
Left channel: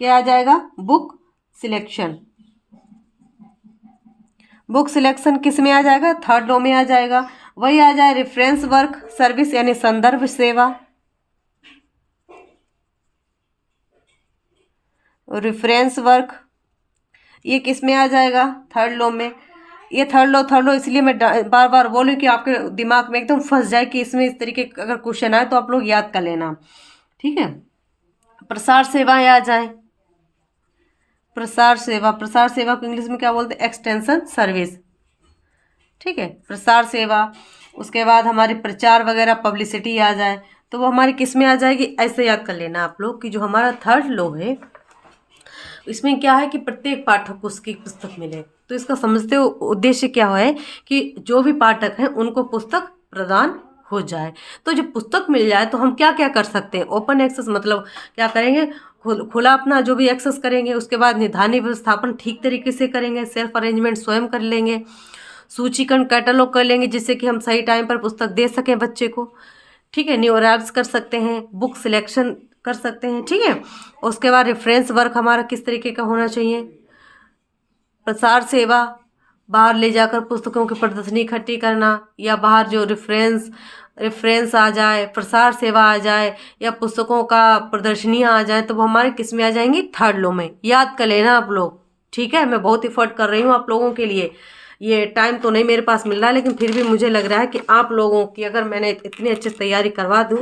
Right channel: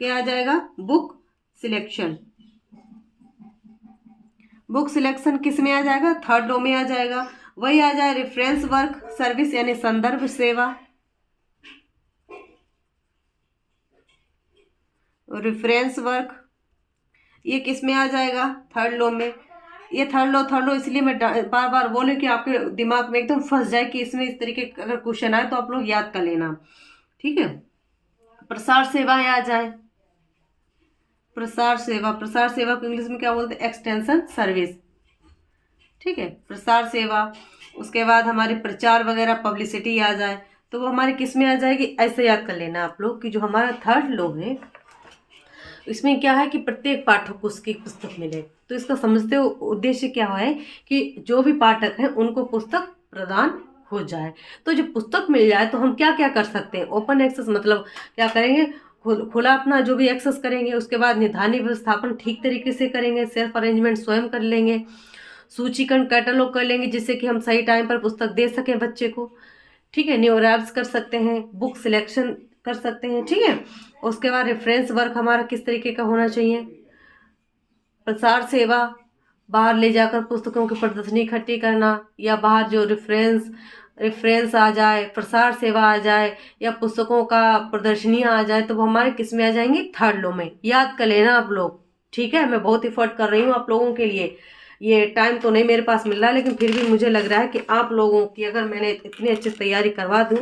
क्या आ जाएगा? Book selection. बुक सिलेक्शन किस में आ जाएगा? थर्ड लो में आ जाएगा। वही आ जाए रेफरेंस वर्क सर्विस यानी संदर्भ सेवा। रेफरेंस वर्क ये किस में आ जाएगा? थर्ड लो में। ये थर्ड लो इसलिए मैं बार बार बोलूँ कि आपके दिमाग में एकदम फंस जाए कि इसमें इस तरीके का अगर क्वेश्चन आए तो आप लोग याद कर लेना। ठीक है, प्रसार सेवाएं आ जाए। प्रसार सेवा, प्रसार सेवा को इंग्लिश में क्या बोलते हैं? Extension service. ठीक है, प्रसार सेवा। उसके बाद हमारी प्रचार वगैरह पब्लिसिटी आ जाए तो वो हमारी किस में आ जाएगी? ऐसे याद कर लेना आप लोग कि जो हमारा थर्ड लो है इसमें क्या है कि प्रत्येक पाठक को उसकी पुस्तक मिले। तो इसका समझते हो उद्देश्य क्या है कि जो भी पाठक हैं उनको पुस्तक प्रदान हो जाए। तो जब पुस्तक मिल जाए तो हम क्या क्या कर सकते हैं? ओपन एक्सेस मतलब क्या करेंगे? खुला अपना जो भी एक्सेस करेंगे। उसके बाद निधानी व्यवस्थापन ठीक तरीके से करेंगे। सेल्फ अरेंजमेंट स्वयं कर लेंगे। सूचीकरण कैटलॉग कर लेंगे जिससे कि हम सही टाइम पर पुस्तक दे सकें बच्चे को। ठीक है, न्यू अराइव्स कर सकते हैं, बुक सिलेक्शन कर सकते हैं। ठीक है, उसके बाद रेफरेंस वर्क हमारा किस तरीके का होना चाहिए? प्रसार सेवा, बाहर ले जाकर पुस्तकों की प्रदर्शनी इकट्ठी करना, या बाहर जो रेफरेंस आ जाए, प्रसार सेवा आ जाए, या पुस्तकों का प्रदर्शनियाँ आ जाए तो वो हमारे किस में आ जाएंगी? थर्ड लो में। याद कर लेना आप लोग। ठीक है, मैं बहुत एफर्ट कर रही हूँ आप लोगों के लिए। ये टाइम तो नहीं मेरे पास मिल रहा है लेकिन फिर भी मुझे लग रहा है कि आप लोगों की अगर मैंने इतनी अच्छी तैयारी करवा दूँ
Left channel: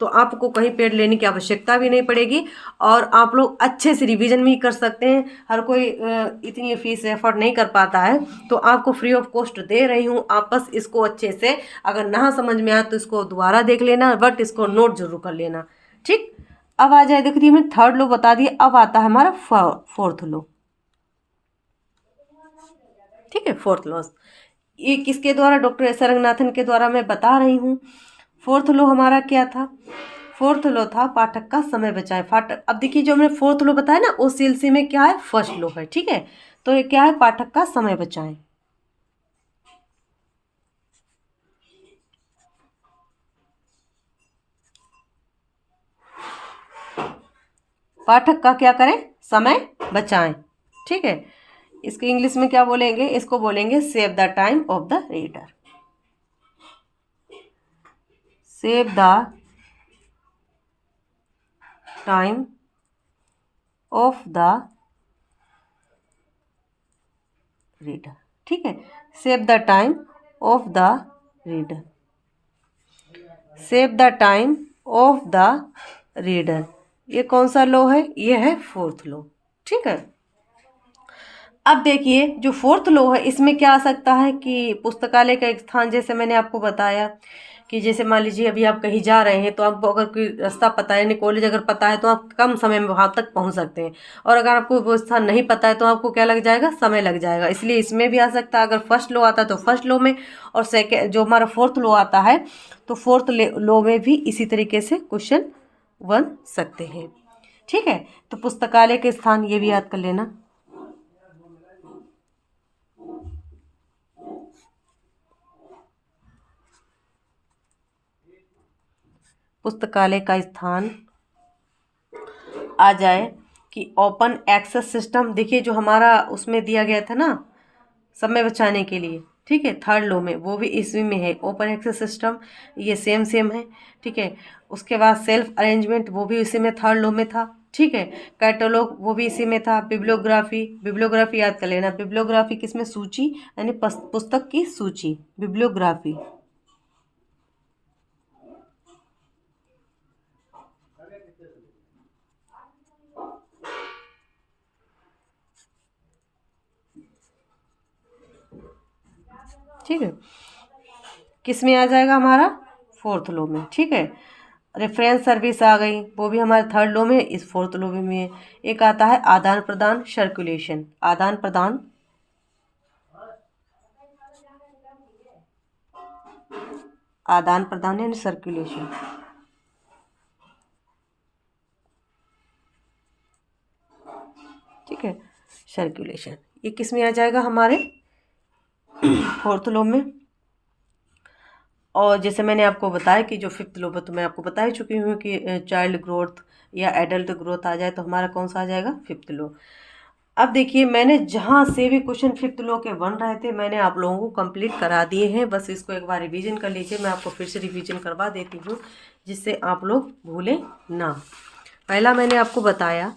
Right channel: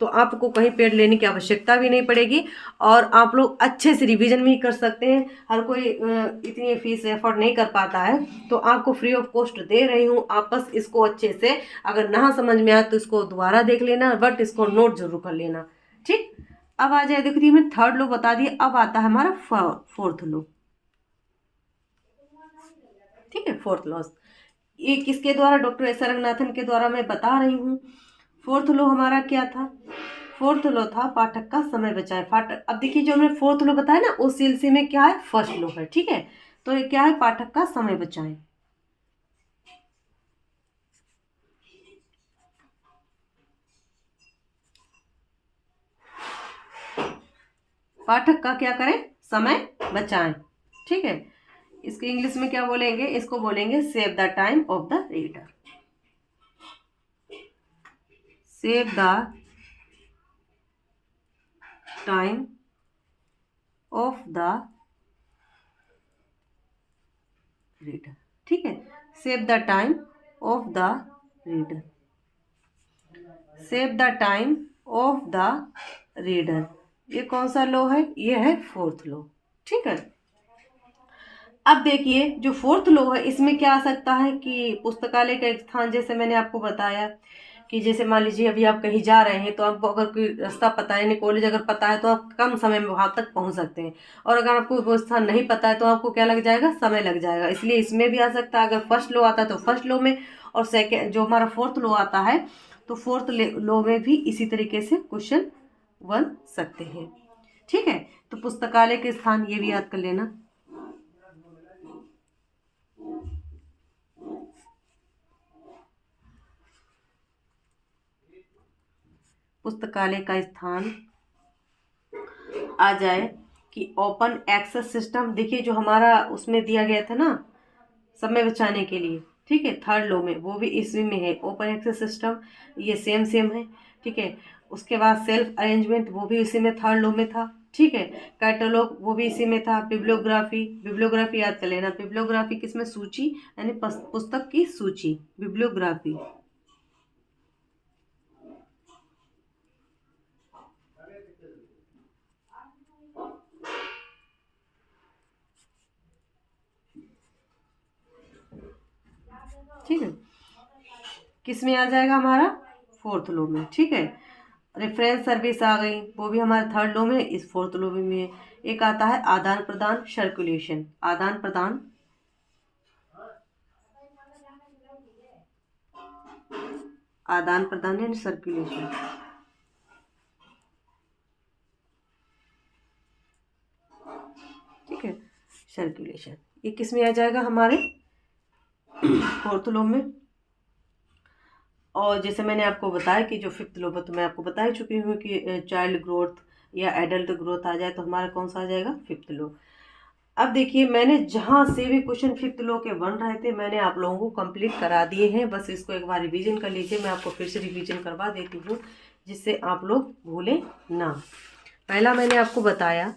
तो आपको कहीं पेड लेने की आवश्यकता भी नहीं पड़ेगी और आप लोग अच्छे से रिवीजन भी कर सकते हैं। हर कोई इतनी फीस एफर्ट नहीं कर पाता है तो आपको फ्री ऑफ कॉस्ट दे रही हूँ। आप बस इसको अच्छे से अगर ना समझ में आए तो इसको दोबारा देख लेना, बट इसको नोट जरूर कर लेना। ठीक, अब आ जाए, देखो जी मैंने थर्ड लो बता दिया, अब आता है हमारा फोर्थ लो। ठीक है, फोर्थ लॉ ये किसके द्वारा? डॉक्टर एस आर रंगनाथन के द्वारा मैं बता रही हूँ। फोर्थ लॉ हमारा क्या था? फोर्थ लॉ था पाठक का समय बचाए। पाठक, अब देखिए जो हमने फोर्थ लॉ बताया ना उस सिलसिले में क्या है? फर्स्ट लॉ है। ठीक है, तो ये क्या है? पाठक का समय बचाए। पाठक का क्या करें? समय बचाएं। ठीक है, इसको इंग्लिश में क्या बोलेंगे? इसको बोलेंगे save the time of the reader. Save the time of the reader. ठीक है, save the time of the reader. Save the time of the reader, ये कौन सा लॉ है? ये है फोर्थ लॉ। ठीक है, अब देखिए जो फोर्थ लॉ है इसमें क्या आ सकता है कि पुस्तकालय का एक स्थान, जैसे मैंने आपको बताया कि जैसे मान लीजिए अभी आप कहीं जा रहे हैं तो आपको अगर कोई रास्ता पता है, यानी कॉलेज अगर पता है, तो आप कम समय में वहाँ तक पहुँच सकते हैं। और अगर आपको वो स्थान नहीं पता है तो आपको क्या लग जाएगा, समय लग जाएगा। इसलिए इसमें भी आ सकता है, अगर फर्स्ट लॉ आता है तो फर्स्ट लॉ में, और सेकेंड जो हमारा फोर्थ लॉ आता है तो फोर्थ लॉ में भी इसी तरीके से क्वेश्चन बन सकते हैं। ठीक है, तो पुस्तकालय के स्थान ये भी याद कर लेना। पुस्तकालय का स्थान आ जाए कि ओपन एक्सेस सिस्टम। देखिए जो हमारा उसमें दिया गया था ना समय बचाने के लिए, ठीक है, थर्ड लॉ में, वो भी इसी में है, ओपन एक्सेस सिस्टम, ये सेम सेम है। ठीक है, उसके बाद सेल्फ अरेंजमेंट, वो भी इसी में थर्ड लॉ में था। ठीक है, कैटलॉग वो भी इसी में था। बिब्लियोग्राफी, बिब्लियोग्राफी याद कर लेना। बिब्लियोग्राफी किसमें, सूची, यानी पुस्तक की सूची, बिब्लियोग्राफी। ठीक है, किस में आ जाएगा हमारा, फोर्थ लॉ में। ठीक है, रेफरेंस सर्विस आ गई, वो भी हमारे थर्ड लॉ में, इस फोर्थ लॉ में है। एक आता है आदान प्रदान, सर्कुलेशन, आदान प्रदान, आदान प्रदान यानी सर्कुलेशन। ठीक है, सर्कुलेशन, ये किस में आ जाएगा हमारे फोर्थ लॉ में। और जैसे मैंने आपको बताया कि जो फिफ्थ लॉ, तो मैं आपको बता ही चुकी हूँ कि चाइल्ड ग्रोथ या एडल्ट ग्रोथ आ जाए तो हमारा कौन सा आ जाएगा, फिफ्थ लॉ। अब देखिए मैंने जहाँ से भी क्वेश्चन फिफ्थ लॉ के बन रहे थे मैंने आप लोगों को कंप्लीट करा दिए हैं। बस इसको एक बार रिवीजन कर लीजिए, मैं आपको फिर से रिवीजन करवा देती हूँ जिससे आप लोग भूलें ना। पहला मैंने आपको बताया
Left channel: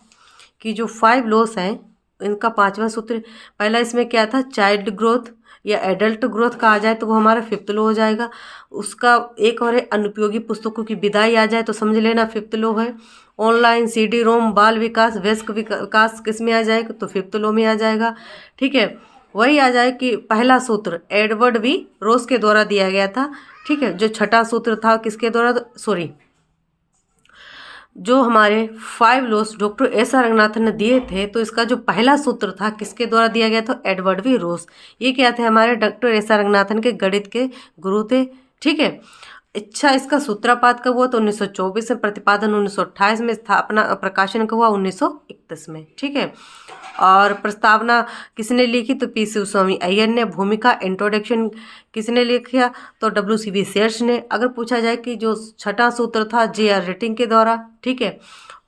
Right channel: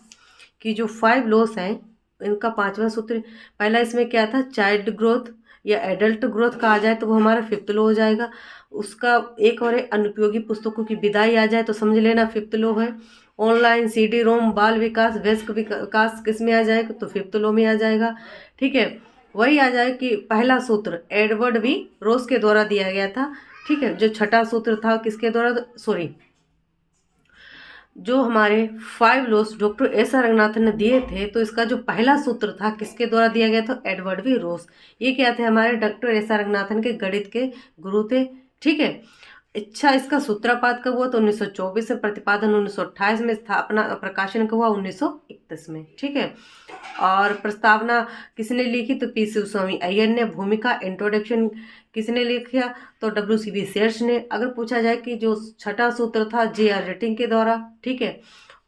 कि जो 5 लॉस हैं इनका 5वां सूत्र, पहला इसमें क्या था, चाइल्ड ग्रोथ या एडल्ट ग्रोथ का आ जाए तो वो हमारा फिफ्थ लॉ हो जाएगा। उसका एक और है अनुपयोगी पुस्तकों की विदाई आ जाए तो समझ लेना फिफ्थ लॉ है। ऑनलाइन सीडी रोम बाल विकास वयस्क विकास किस में आ जाएगा, तो फिफ्थ लॉ में आ जाएगा। ठीक है, वही आ जाए कि पहला सूत्र एडवर्ड वी रोज के द्वारा दिया गया था। ठीक है, जो छठा सूत्र था किसके द्वारा, सॉरी, जो हमारे 5 loss doctor S R Ranganathan ने दिए थे तो इसका जो पहला सूत्र था किसके द्वारा दिया गया था, एडवर्ड वी रोस। ये क्या थे, हमारे डॉक्टर एस आर रंगनाथन के गणित के गुरु थे। ठीक है, अच्छा इसका सूत्रपात कब हुआ, तो 1924 में, प्रतिपादन 1928 में, स्थापना प्रकाशन कब हुआ 1931 में। ठीक है, और प्रस्तावना किसने लिखी, तो पी शिवस्वामी अय्यर ने। भूमिका इंट्रोडक्शन किसने लिखा, तो WCB सेर्स ने। अगर पूछा जाए कि जो छठा सूत्र था JR रेटिंग के द्वारा। ठीक है,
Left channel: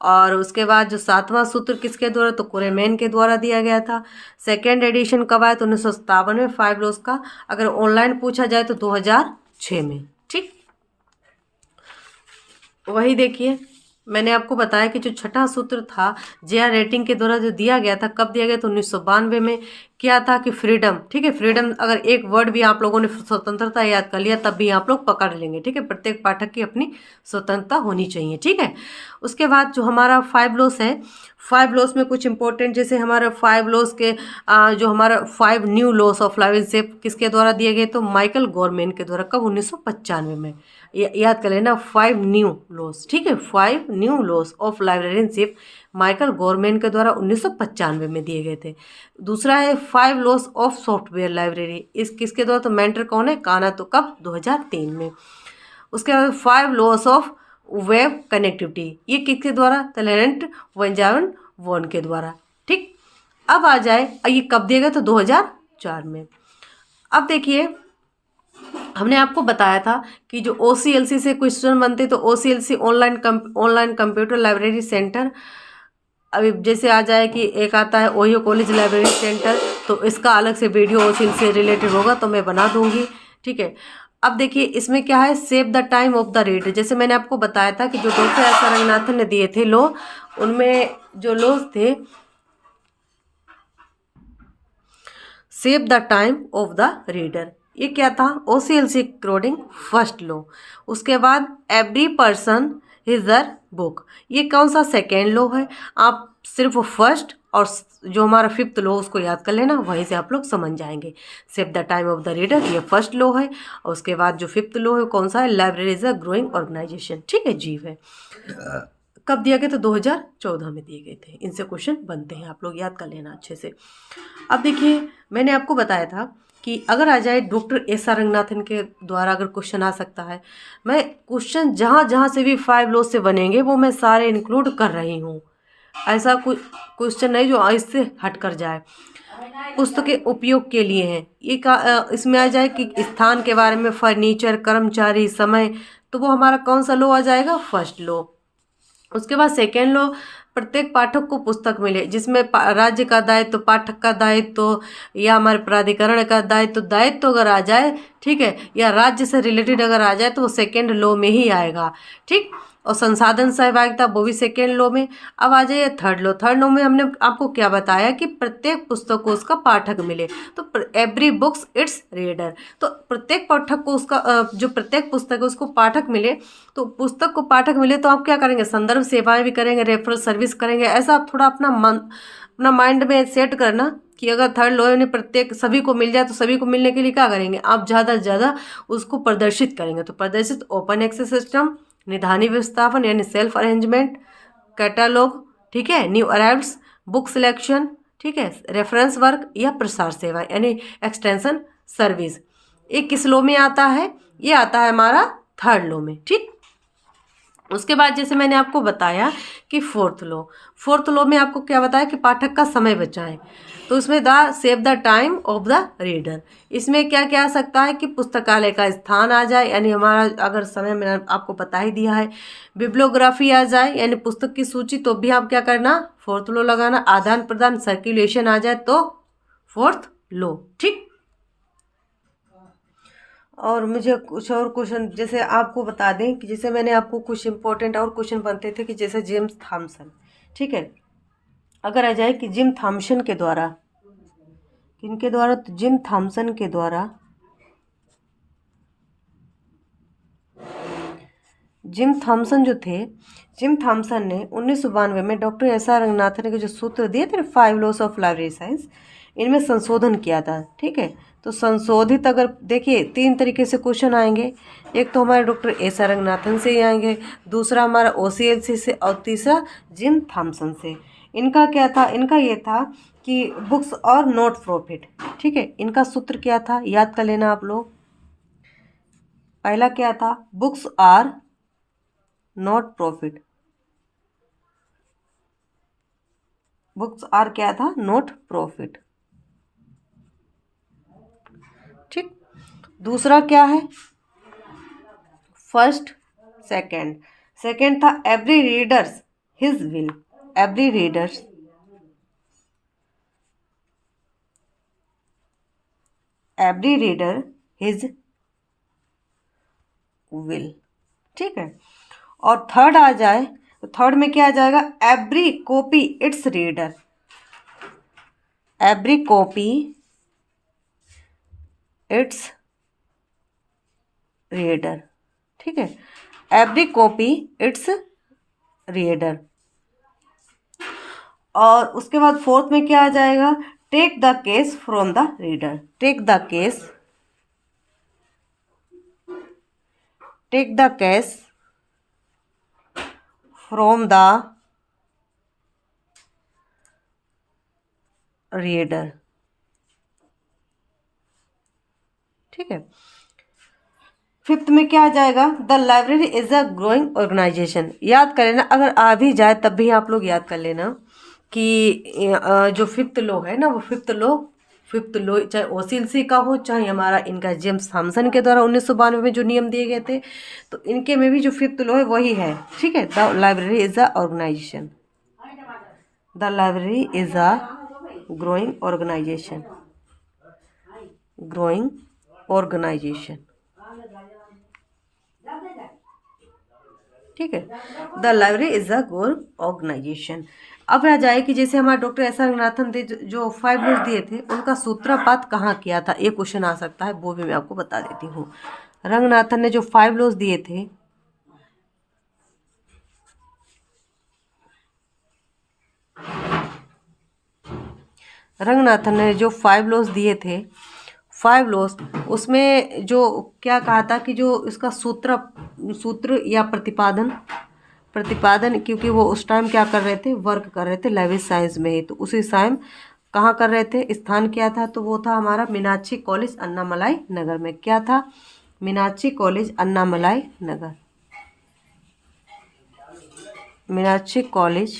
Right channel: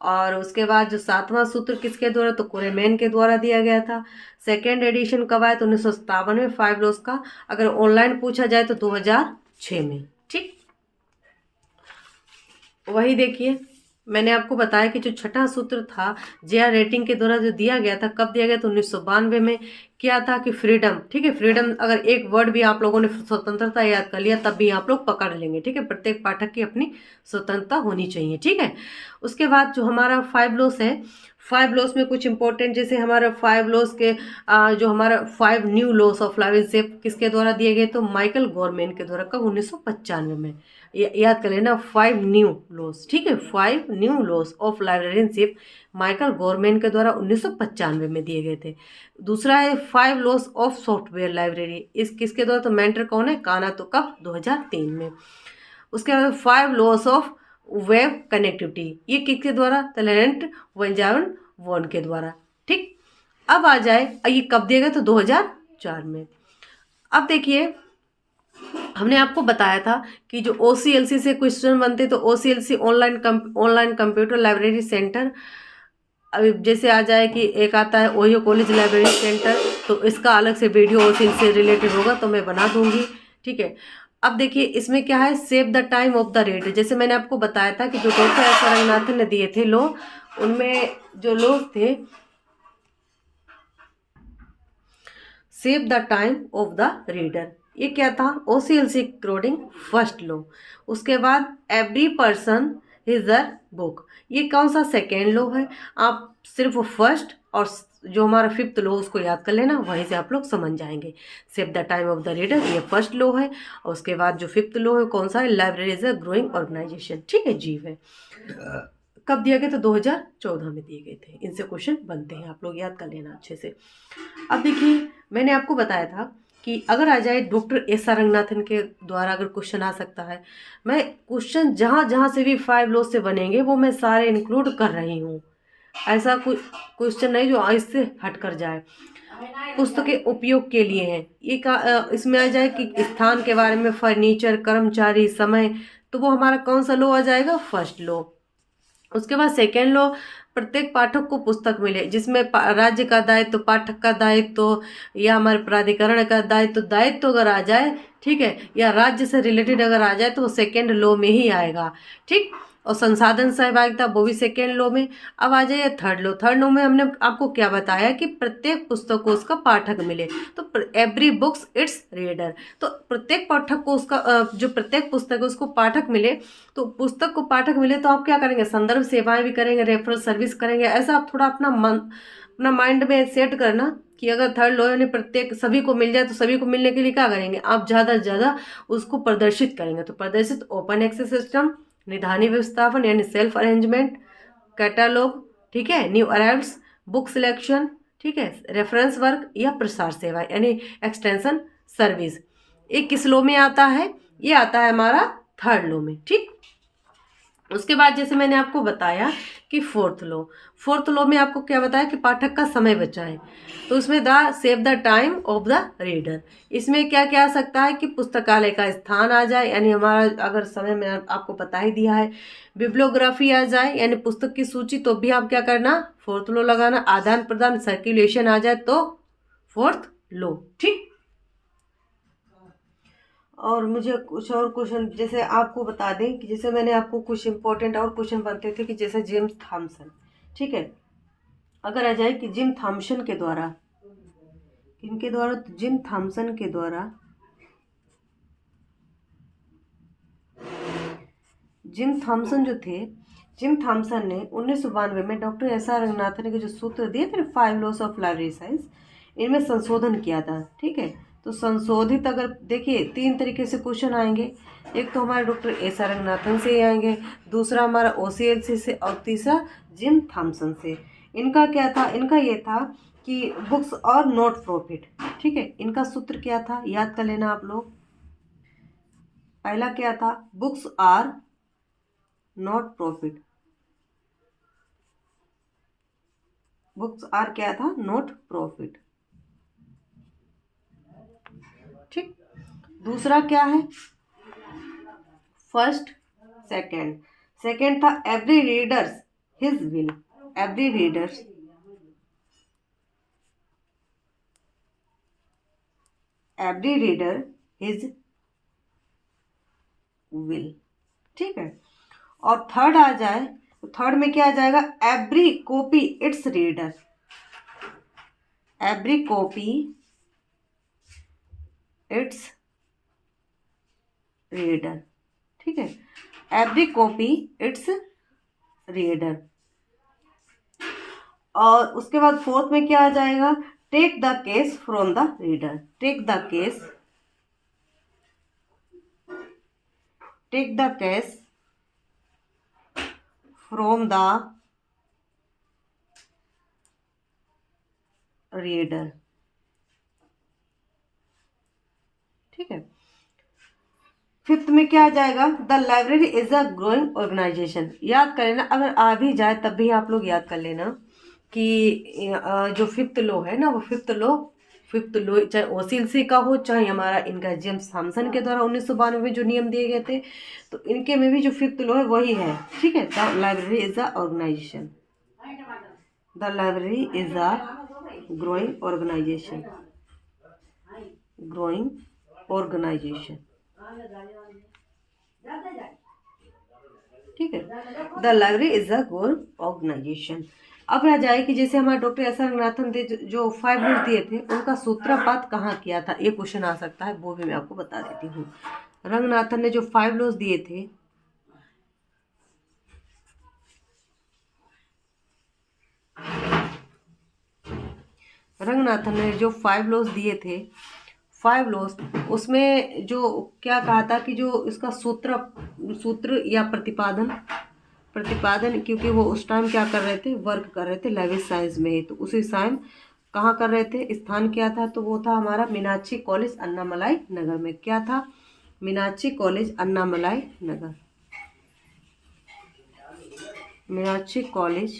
और उसके बाद जो 7वां सूत्र किसके द्वारा, तो कुरेमैन के द्वारा दिया गया था। सेकेंड एडिशन कब आया, तो 1957 में 5 लॉस का। अगर ऑनलाइन पूछा जाए तो 2006 में। ठीक, वही देखिए मैंने आपको बताया कि जो छठा सूत्र था JR रेटिंग के द्वारा जो दिया गया था, कब दिया गया, तो 1992 में। क्या था कि फ्रीडम, ठीक है, फ्रीडम, अगर एक वर्ड भी आप लोगों ने स्वतंत्रता याद कर लिया तब भी आप लोग पकड़ लेंगे। ठीक है, प्रत्येक पाठक की अपनी स्वतंत्रता होनी चाहिए। ठीक है, उसके बाद जो हमारा 5 लॉस है, 5 लॉस में कुछ इंपॉर्टेंट, जैसे हमारा 5 लॉस के जो हमारा 5 न्यू लॉस ऑफ लाइब्रेरीशिप किसके द्वारा दिए गए, तो माइकल गवर्नमेंट के द्वारा। कब, 1995 में। याद कर लेना 5 न्यू लॉस। ठीक है, 5 new loss of librarianship Michael government के द्वारा 1995 में दिए गए थे। दूसरा है 5 लॉस ऑफ सॉफ्टवेयर लाइब्रेरी, इस किसके द्वारा, तो मेंटर कौन है, काना, तो कब, 2003 में। उसके बाद 5 लॉस ऑफ वेब कनेक्टिविटी, ये किसके द्वारा, तो लेरेंट वेंजावन वॉन के द्वारा। ठीक, अब आ जाए, ये कब दिया गया, तो 2004 में। अब देखिए हमने आपको बताया था कि जो OCLC से क्वेश्चन बनते तो OCLC online computer library centre. अभी जैसे आ जाए कि एक आता है ओहियो कॉलेज लाइब्रेरी सेंटर, तो इसका अलग से वीडियो OCLC से रिलेटेड होगा तो मैं बना दूंगी। ठीक है, अब देखिए इसमें क्या है, save the time of the reader. जैसे मैंने आपको बताया था कि जो डॉक्टर एस आर रंगनाथन ने दिए थे लो, उनमें जो लॉज थे, save the time of the reader, ये क्या था, OCLC कोडिंग फर्स्ट लॉ। उसके बाद every person is a book, ये कौन सा, सेकेंड लॉ है। आप सिर्फ फर्स्ट और जो हमारा फिफ्थ लॉ उसको याद कर लेना, वहीं से आप लोग समझ जाएंगे। Save the time of the reader, ये फर्स्ट लॉ है। और उसके बाद जो फिफ्थ लॉ है कौन सा है, library is a growing organisation, ठीक है, जीव है। कब दिया गया, तो 2014 में दिए गए थे। इनसे क्वेश्चन बनते हैं, आप लोग याद कर लेना अच्छे से। अब देखिए, मैंने आपको बताया था कि अगर आ जाए डॉक्टर एस आर रंगनाथन के द्वारा अगर क्वेश्चन आ सकता है, मैं क्वेश्चन जहाँ जहाँ से भी 5 लॉ से बनेंगे वो मैं सारे इंक्लूड कर रही हूँ। ऐसा कुछ क्वेश्चन नहीं जो इससे हट कर जाए। पुस्तक के उपयोग के लिए है ये इसमें आ जाए कि स्थान के बारे में, फर्नीचर, कर्मचारी, समय, तो वो हमारा कौन सा लॉ आ जाएगा, फर्स्ट लॉ। उसके बाद सेकेंड लॉ, प्रत्येक पाठक को पुस्तक मिले, जिसमें राज्य का दायित्व, पाठक का दायित्व, या हमारे प्राधिकरण का दायित्व, दायित्व अगर आ जाए, ठीक है, या राज्य से रिलेटेड अगर आ जाए तो वो सेकेंड लॉ में ही आएगा, ठीक। और संसाधन सहभागिता, वो भी सेकेंड लॉ में। अब आ जाइए थर्ड लॉ। थर्ड लॉ में हमने आपको क्या बताया कि प्रत्येक पुस्तक को उसका पाठक मिले, तो एवरी बुक्स इट्स रीडर, तो प्रत्येक पाठक को उसका जो प्रत्येक पुस्तक है उसको पाठक मिले। तो पुस्तक को पाठक मिले तो आप क्या करेंगे, संदर्भ सेवाएं भी करेंगे, रेफरल सर्विस करेंगे। ऐसा आप थोड़ा अपना माइंड में सेट करना कि अगर थर्ड लॉ ने प्रत्येक सभी को मिल जाए तो सभी को मिलने के लिए क्या करेंगे, आप ज़्यादा से ज़्यादा उसको प्रदर्शित करेंगे। तो प्रदर्शित, ओपन एक्सेस सिस्टम, निधानी व्यवस्थापन यानी सेल्फ अरेंजमेंट, कैटालॉग, ठीक है, न्यू अराइव्स, बुक सिलेक्शन, ठीक है, रेफरेंस वर्क, या प्रसार सेवा यानी एक्सटेंशन सर्विस। ये किस लॉ में आता है, ये आता है हमारा थर्ड लॉ में, ठीक। उसके बाद जैसे मैंने आपको बताया कि फोर्थ लॉ में आपको क्या बताया कि पाठक का समय बचाएं, तो उसमें the save the time of the reader, इसमें क्या क्या आ सकता है कि पुस्तकालय का स्थान आ जाए, यानी हमारा अगर समय मैंने आपको बता ही दिया है। बिब्लियोग्राफी आ जाए यानी पुस्तक की सूची, तो भी आप क्या करना, फोर्थ लॉ लगाना। आदान प्रदान, सर्कुलेशन आ जाए तो फोर्थ लॉ, ठीक। और मुझे कुछ और क्वेश्चन जैसे आपको बता दें कि जैसे मैंने आपको कुछ इंपॉर्टेंट और क्वेश्चन बनते थे कि जैसे जेम्स थॉमसन, ठीक है, अगर आ जाए कि जिम थॉमसन के द्वारा, किनके द्वारा, तो जिम थॉमसन के द्वारा, जिम थॉमसन जो थे, जिम थॉमसन ने 1992 में डॉक्टर एस आर रंगनाथन के जो सूत्र दिए थे 5 लॉस ऑफ लाइब्रेरी साइंस, इनमें संशोधन किया था, ठीक है। तो संशोधित अगर देखिए 3 तरीके से क्वेश्चन आएंगे, एक तो हमारे डॉक्टर एस आर रंगनाथन से ही आएंगे, दूसरा हमारा OCLC से, और तीसरा जिम थॉमसन से। इनका क्या था, इनका ये था कि बुक्स और नॉट प्रॉफिट, ठीक है। इनका सूत्र क्या था, याद कर लेना आप लोग। पहला क्या था, books are not profit, books are क्या था, नॉट प्रॉफिट, ठीक। दूसरा क्या है, फर्स्ट, सेकंड। सेकंड था every readers his will, every readers, every reader his will, ठीक है। और थर्ड आ जाए तो थर्ड में क्या आ जाएगा, every copy it's reader, every copy it's reader, ठीक है, एवरी कॉपी इट्स रीडर। और उसके बाद फोर्थ में क्या आ जाएगा, take the case from the reader, take the case, take the case from the reader, ठीक है। फिफ्थ में क्या आ जाएगा, the library is a growing organisation, याद कर लेना, अगर आ भी जाए तब भी आप लोग याद कर लेना कि जो फिफ्थ लॉ है ना, वो फिफ्थ लॉ चाहे OCLC का हो, चाहे हमारा इनका जेम्स थॉमसन के द्वारा 1992 में जो नियम दिए गए थे, तो इनके में भी जो फिफ्थ लॉ है वही है, ठीक है। The library is a organisation, the library is a growing organisation, growing organisation, ठीक है। The library is a goal organisation. अब आ जाए कि जैसे हमारे डॉक्टर एस आर रंगनाथन थे जो 5 लॉज दिए थे, उनका सूत्रपात कहाँ किया था, ये क्वेश्चन आ सकता है, वो भी मैं आपको बता देती हूँ। रंगनाथन ने जो 5 लॉज दिए थे, रंगनाथन ने जो 5 लॉस दिए थे, 5 लॉस, उसमें जो क्या कहा था कि जो इसका सूत्र या प्रतिपादन, क्योंकि वो उस टाइम क्या कर रहे थे, वर्क कर रहे थे लेविस साइंस में ही, तो उसी टाइम कहाँ कर रहे थे, स्थान क्या था, तो वो था हमारा मीनाक्षी कॉलेज अन्नामलाई नगर में। क्या था, मीनाक्षी कॉलेज अन्नामलाई नगर, मीनाक्षी कॉलेज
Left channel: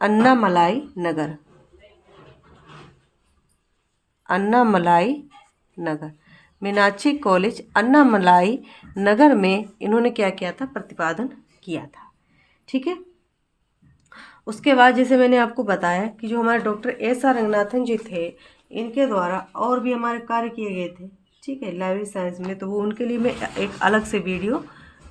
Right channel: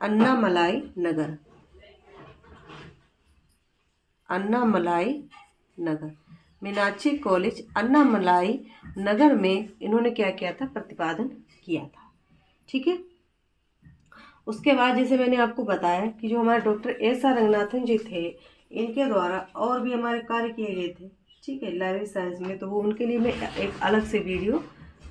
अन्नामलाई नगर, अन्नामलाई नगर, मीनाक्षी कॉलेज अन्नामलाई नगर में इन्होंने क्या किया था, प्रतिपादन किया था। ठीक है। उसके बाद जैसे मैंने आपको बताया कि जो हमारे डॉक्टर एस.आर. रंगनाथन जी थे, इनके द्वारा और भी हमारे कार्य किए गए थे, ठीक है, लाइब्रेरी साइंस में, तो वो उनके लिए मैं एक अलग से वीडियो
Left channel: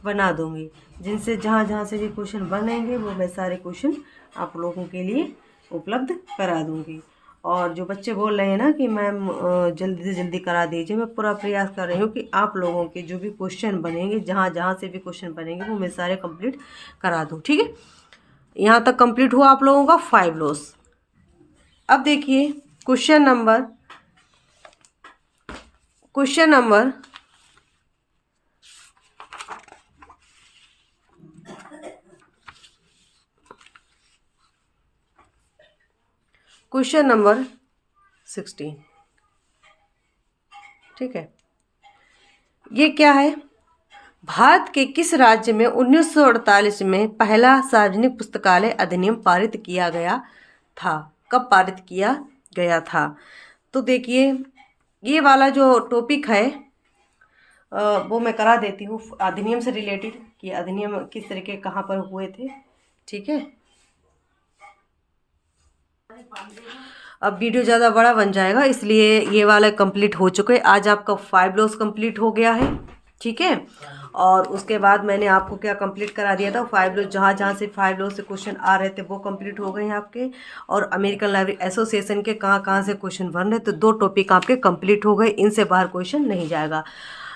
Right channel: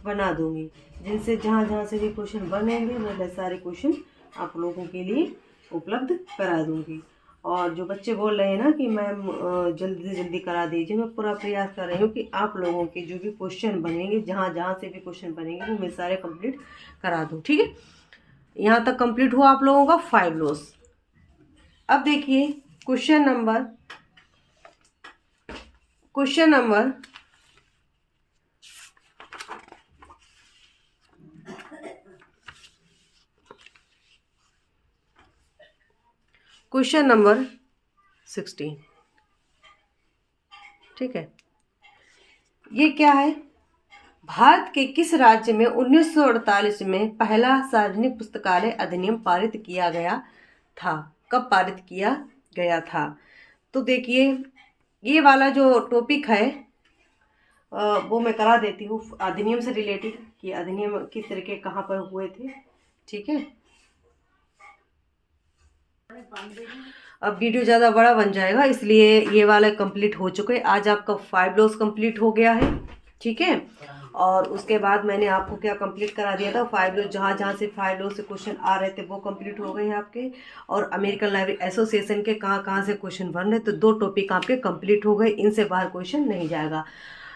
बना दूंगी, जिनसे जहाँ जहाँ से भी क्वेश्चन बनेंगे वो मैं सारे क्वेश्चन आप लोगों के लिए उपलब्ध करा दूंगी। और जो बच्चे बोल रहे हैं ना कि मैम जल्दी से जल्दी करा दीजिए, मैं पूरा प्रयास कर रही हूँ कि आप लोगों के जो भी क्वेश्चन बनेंगे, जहाँ जहाँ से भी क्वेश्चन बनेंगे वो मैं सारे कंप्लीट करा दूँ। ठीक है, यहाँ तक कंप्लीट हुआ आप लोगों का 5 लॉस। अब देखिए क्वेश्चन नंबर क्वेश्चन नंबर 16। ठीक है, ये क्या है, भारत के किस राज्य में 1948 में पहला सार्वजनिक पुस्तकालय अधिनियम पारित किया गया था, कब पारित किया गया था। तो देखिए ये वाला जो टॉपिक है वो मैं करा देती हूँ अधिनियम से रिलेटेड, कि अधिनियम किस तरीके कहाँ पर हुए थे। ठीक है, अब वीडियो ज़्यादा बड़ा बन जाएगा, इसलिए ये वाला कंप्लीट हो चुके हैं। आज आपका 5 लॉस कंप्लीट हो गया है। ठीक है, और उसके बाद मैंने आपको क्या कंप्लीट करा दिया था, 5 लॉस, जहाँ जहाँ से 5 लॉस से क्वेश्चन आ रहे थे वो कंप्लीट हो गए हैं आपके। और अमेरिकन लाइब्रेरी एसोसिएशन के कहाँ कहाँ से क्वेश्चन बन रहे, तो 2 टॉपिक आपके कंप्लीट हो गए, इनसे बाहर क्वेश्चन नहीं जाएगा।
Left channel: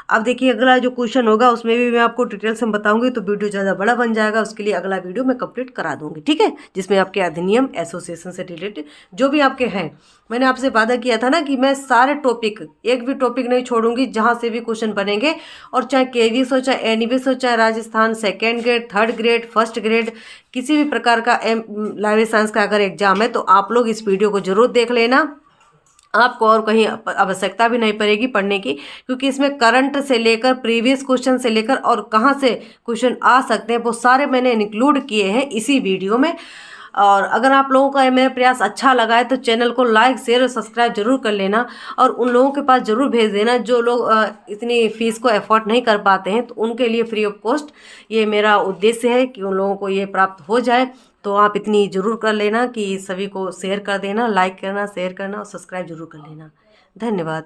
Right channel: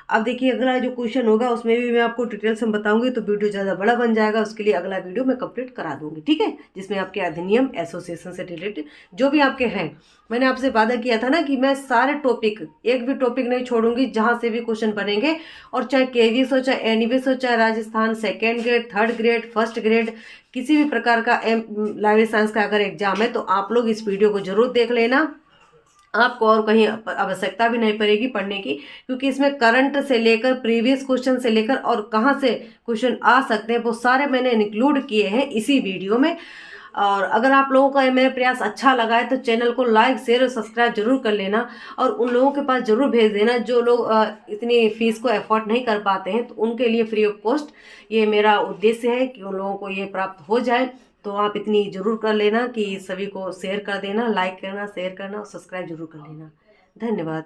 अब देखिए अगला जो क्वेश्चन होगा उसमें भी मैं आपको डिटेल से बताऊंगी, तो वीडियो ज़्यादा बड़ा बन जाएगा, उसके लिए अगला वीडियो मैं कंप्लीट करा दूंगी। ठीक है, जिसमें आपके अधिनियम एसोसिएशन से रिलेटेड जो भी आपके हैं, मैंने आपसे वादा किया था ना कि मैं सारे टॉपिक, एक भी टॉपिक नहीं छोड़ूंगी, जहाँ से भी क्वेश्चन बनेंगे, और चाहे केवीएस हो, चाहे एनवीएस हो, चाहे Rajasthan second grade, third grade, first grade, किसी भी प्रकार का लाइब्रेरी साइंस का अगर एग्जाम है, तो आप लोग इस वीडियो को जरूर देख लेना। आपको और कहीं आवश्यकता भी नहीं पड़ेगी पढ़ने की, क्योंकि इसमें करंट से लेकर प्रीवियस क्वेश्चन से लेकर और कहाँ से क्वेश्चन आ सकते हैं वो सारे मैंने इंक्लूड किए हैं इसी वीडियो में। और अगर आप लोगों का मेरा प्रयास अच्छा लगा है तो चैनल को लाइक शेयर और सब्सक्राइब जरूर कर लेना, और उन लोगों के पास जरूर भेज देना जो लोग इतनी फीस को अफोर्ड नहीं कर पाते हैं, तो उनके लिए फ्री ऑफ कॉस्ट ये मेरा उद्देश्य है कि उन लोगों को ये प्राप्त हो जाए। तो आप इतनी ज़रूर कर लेना कि सभी को शेयर कर देना, लाइक करना, शेयर करना और सब्सक्राइब जरूर कर लेना। धन्यवाद।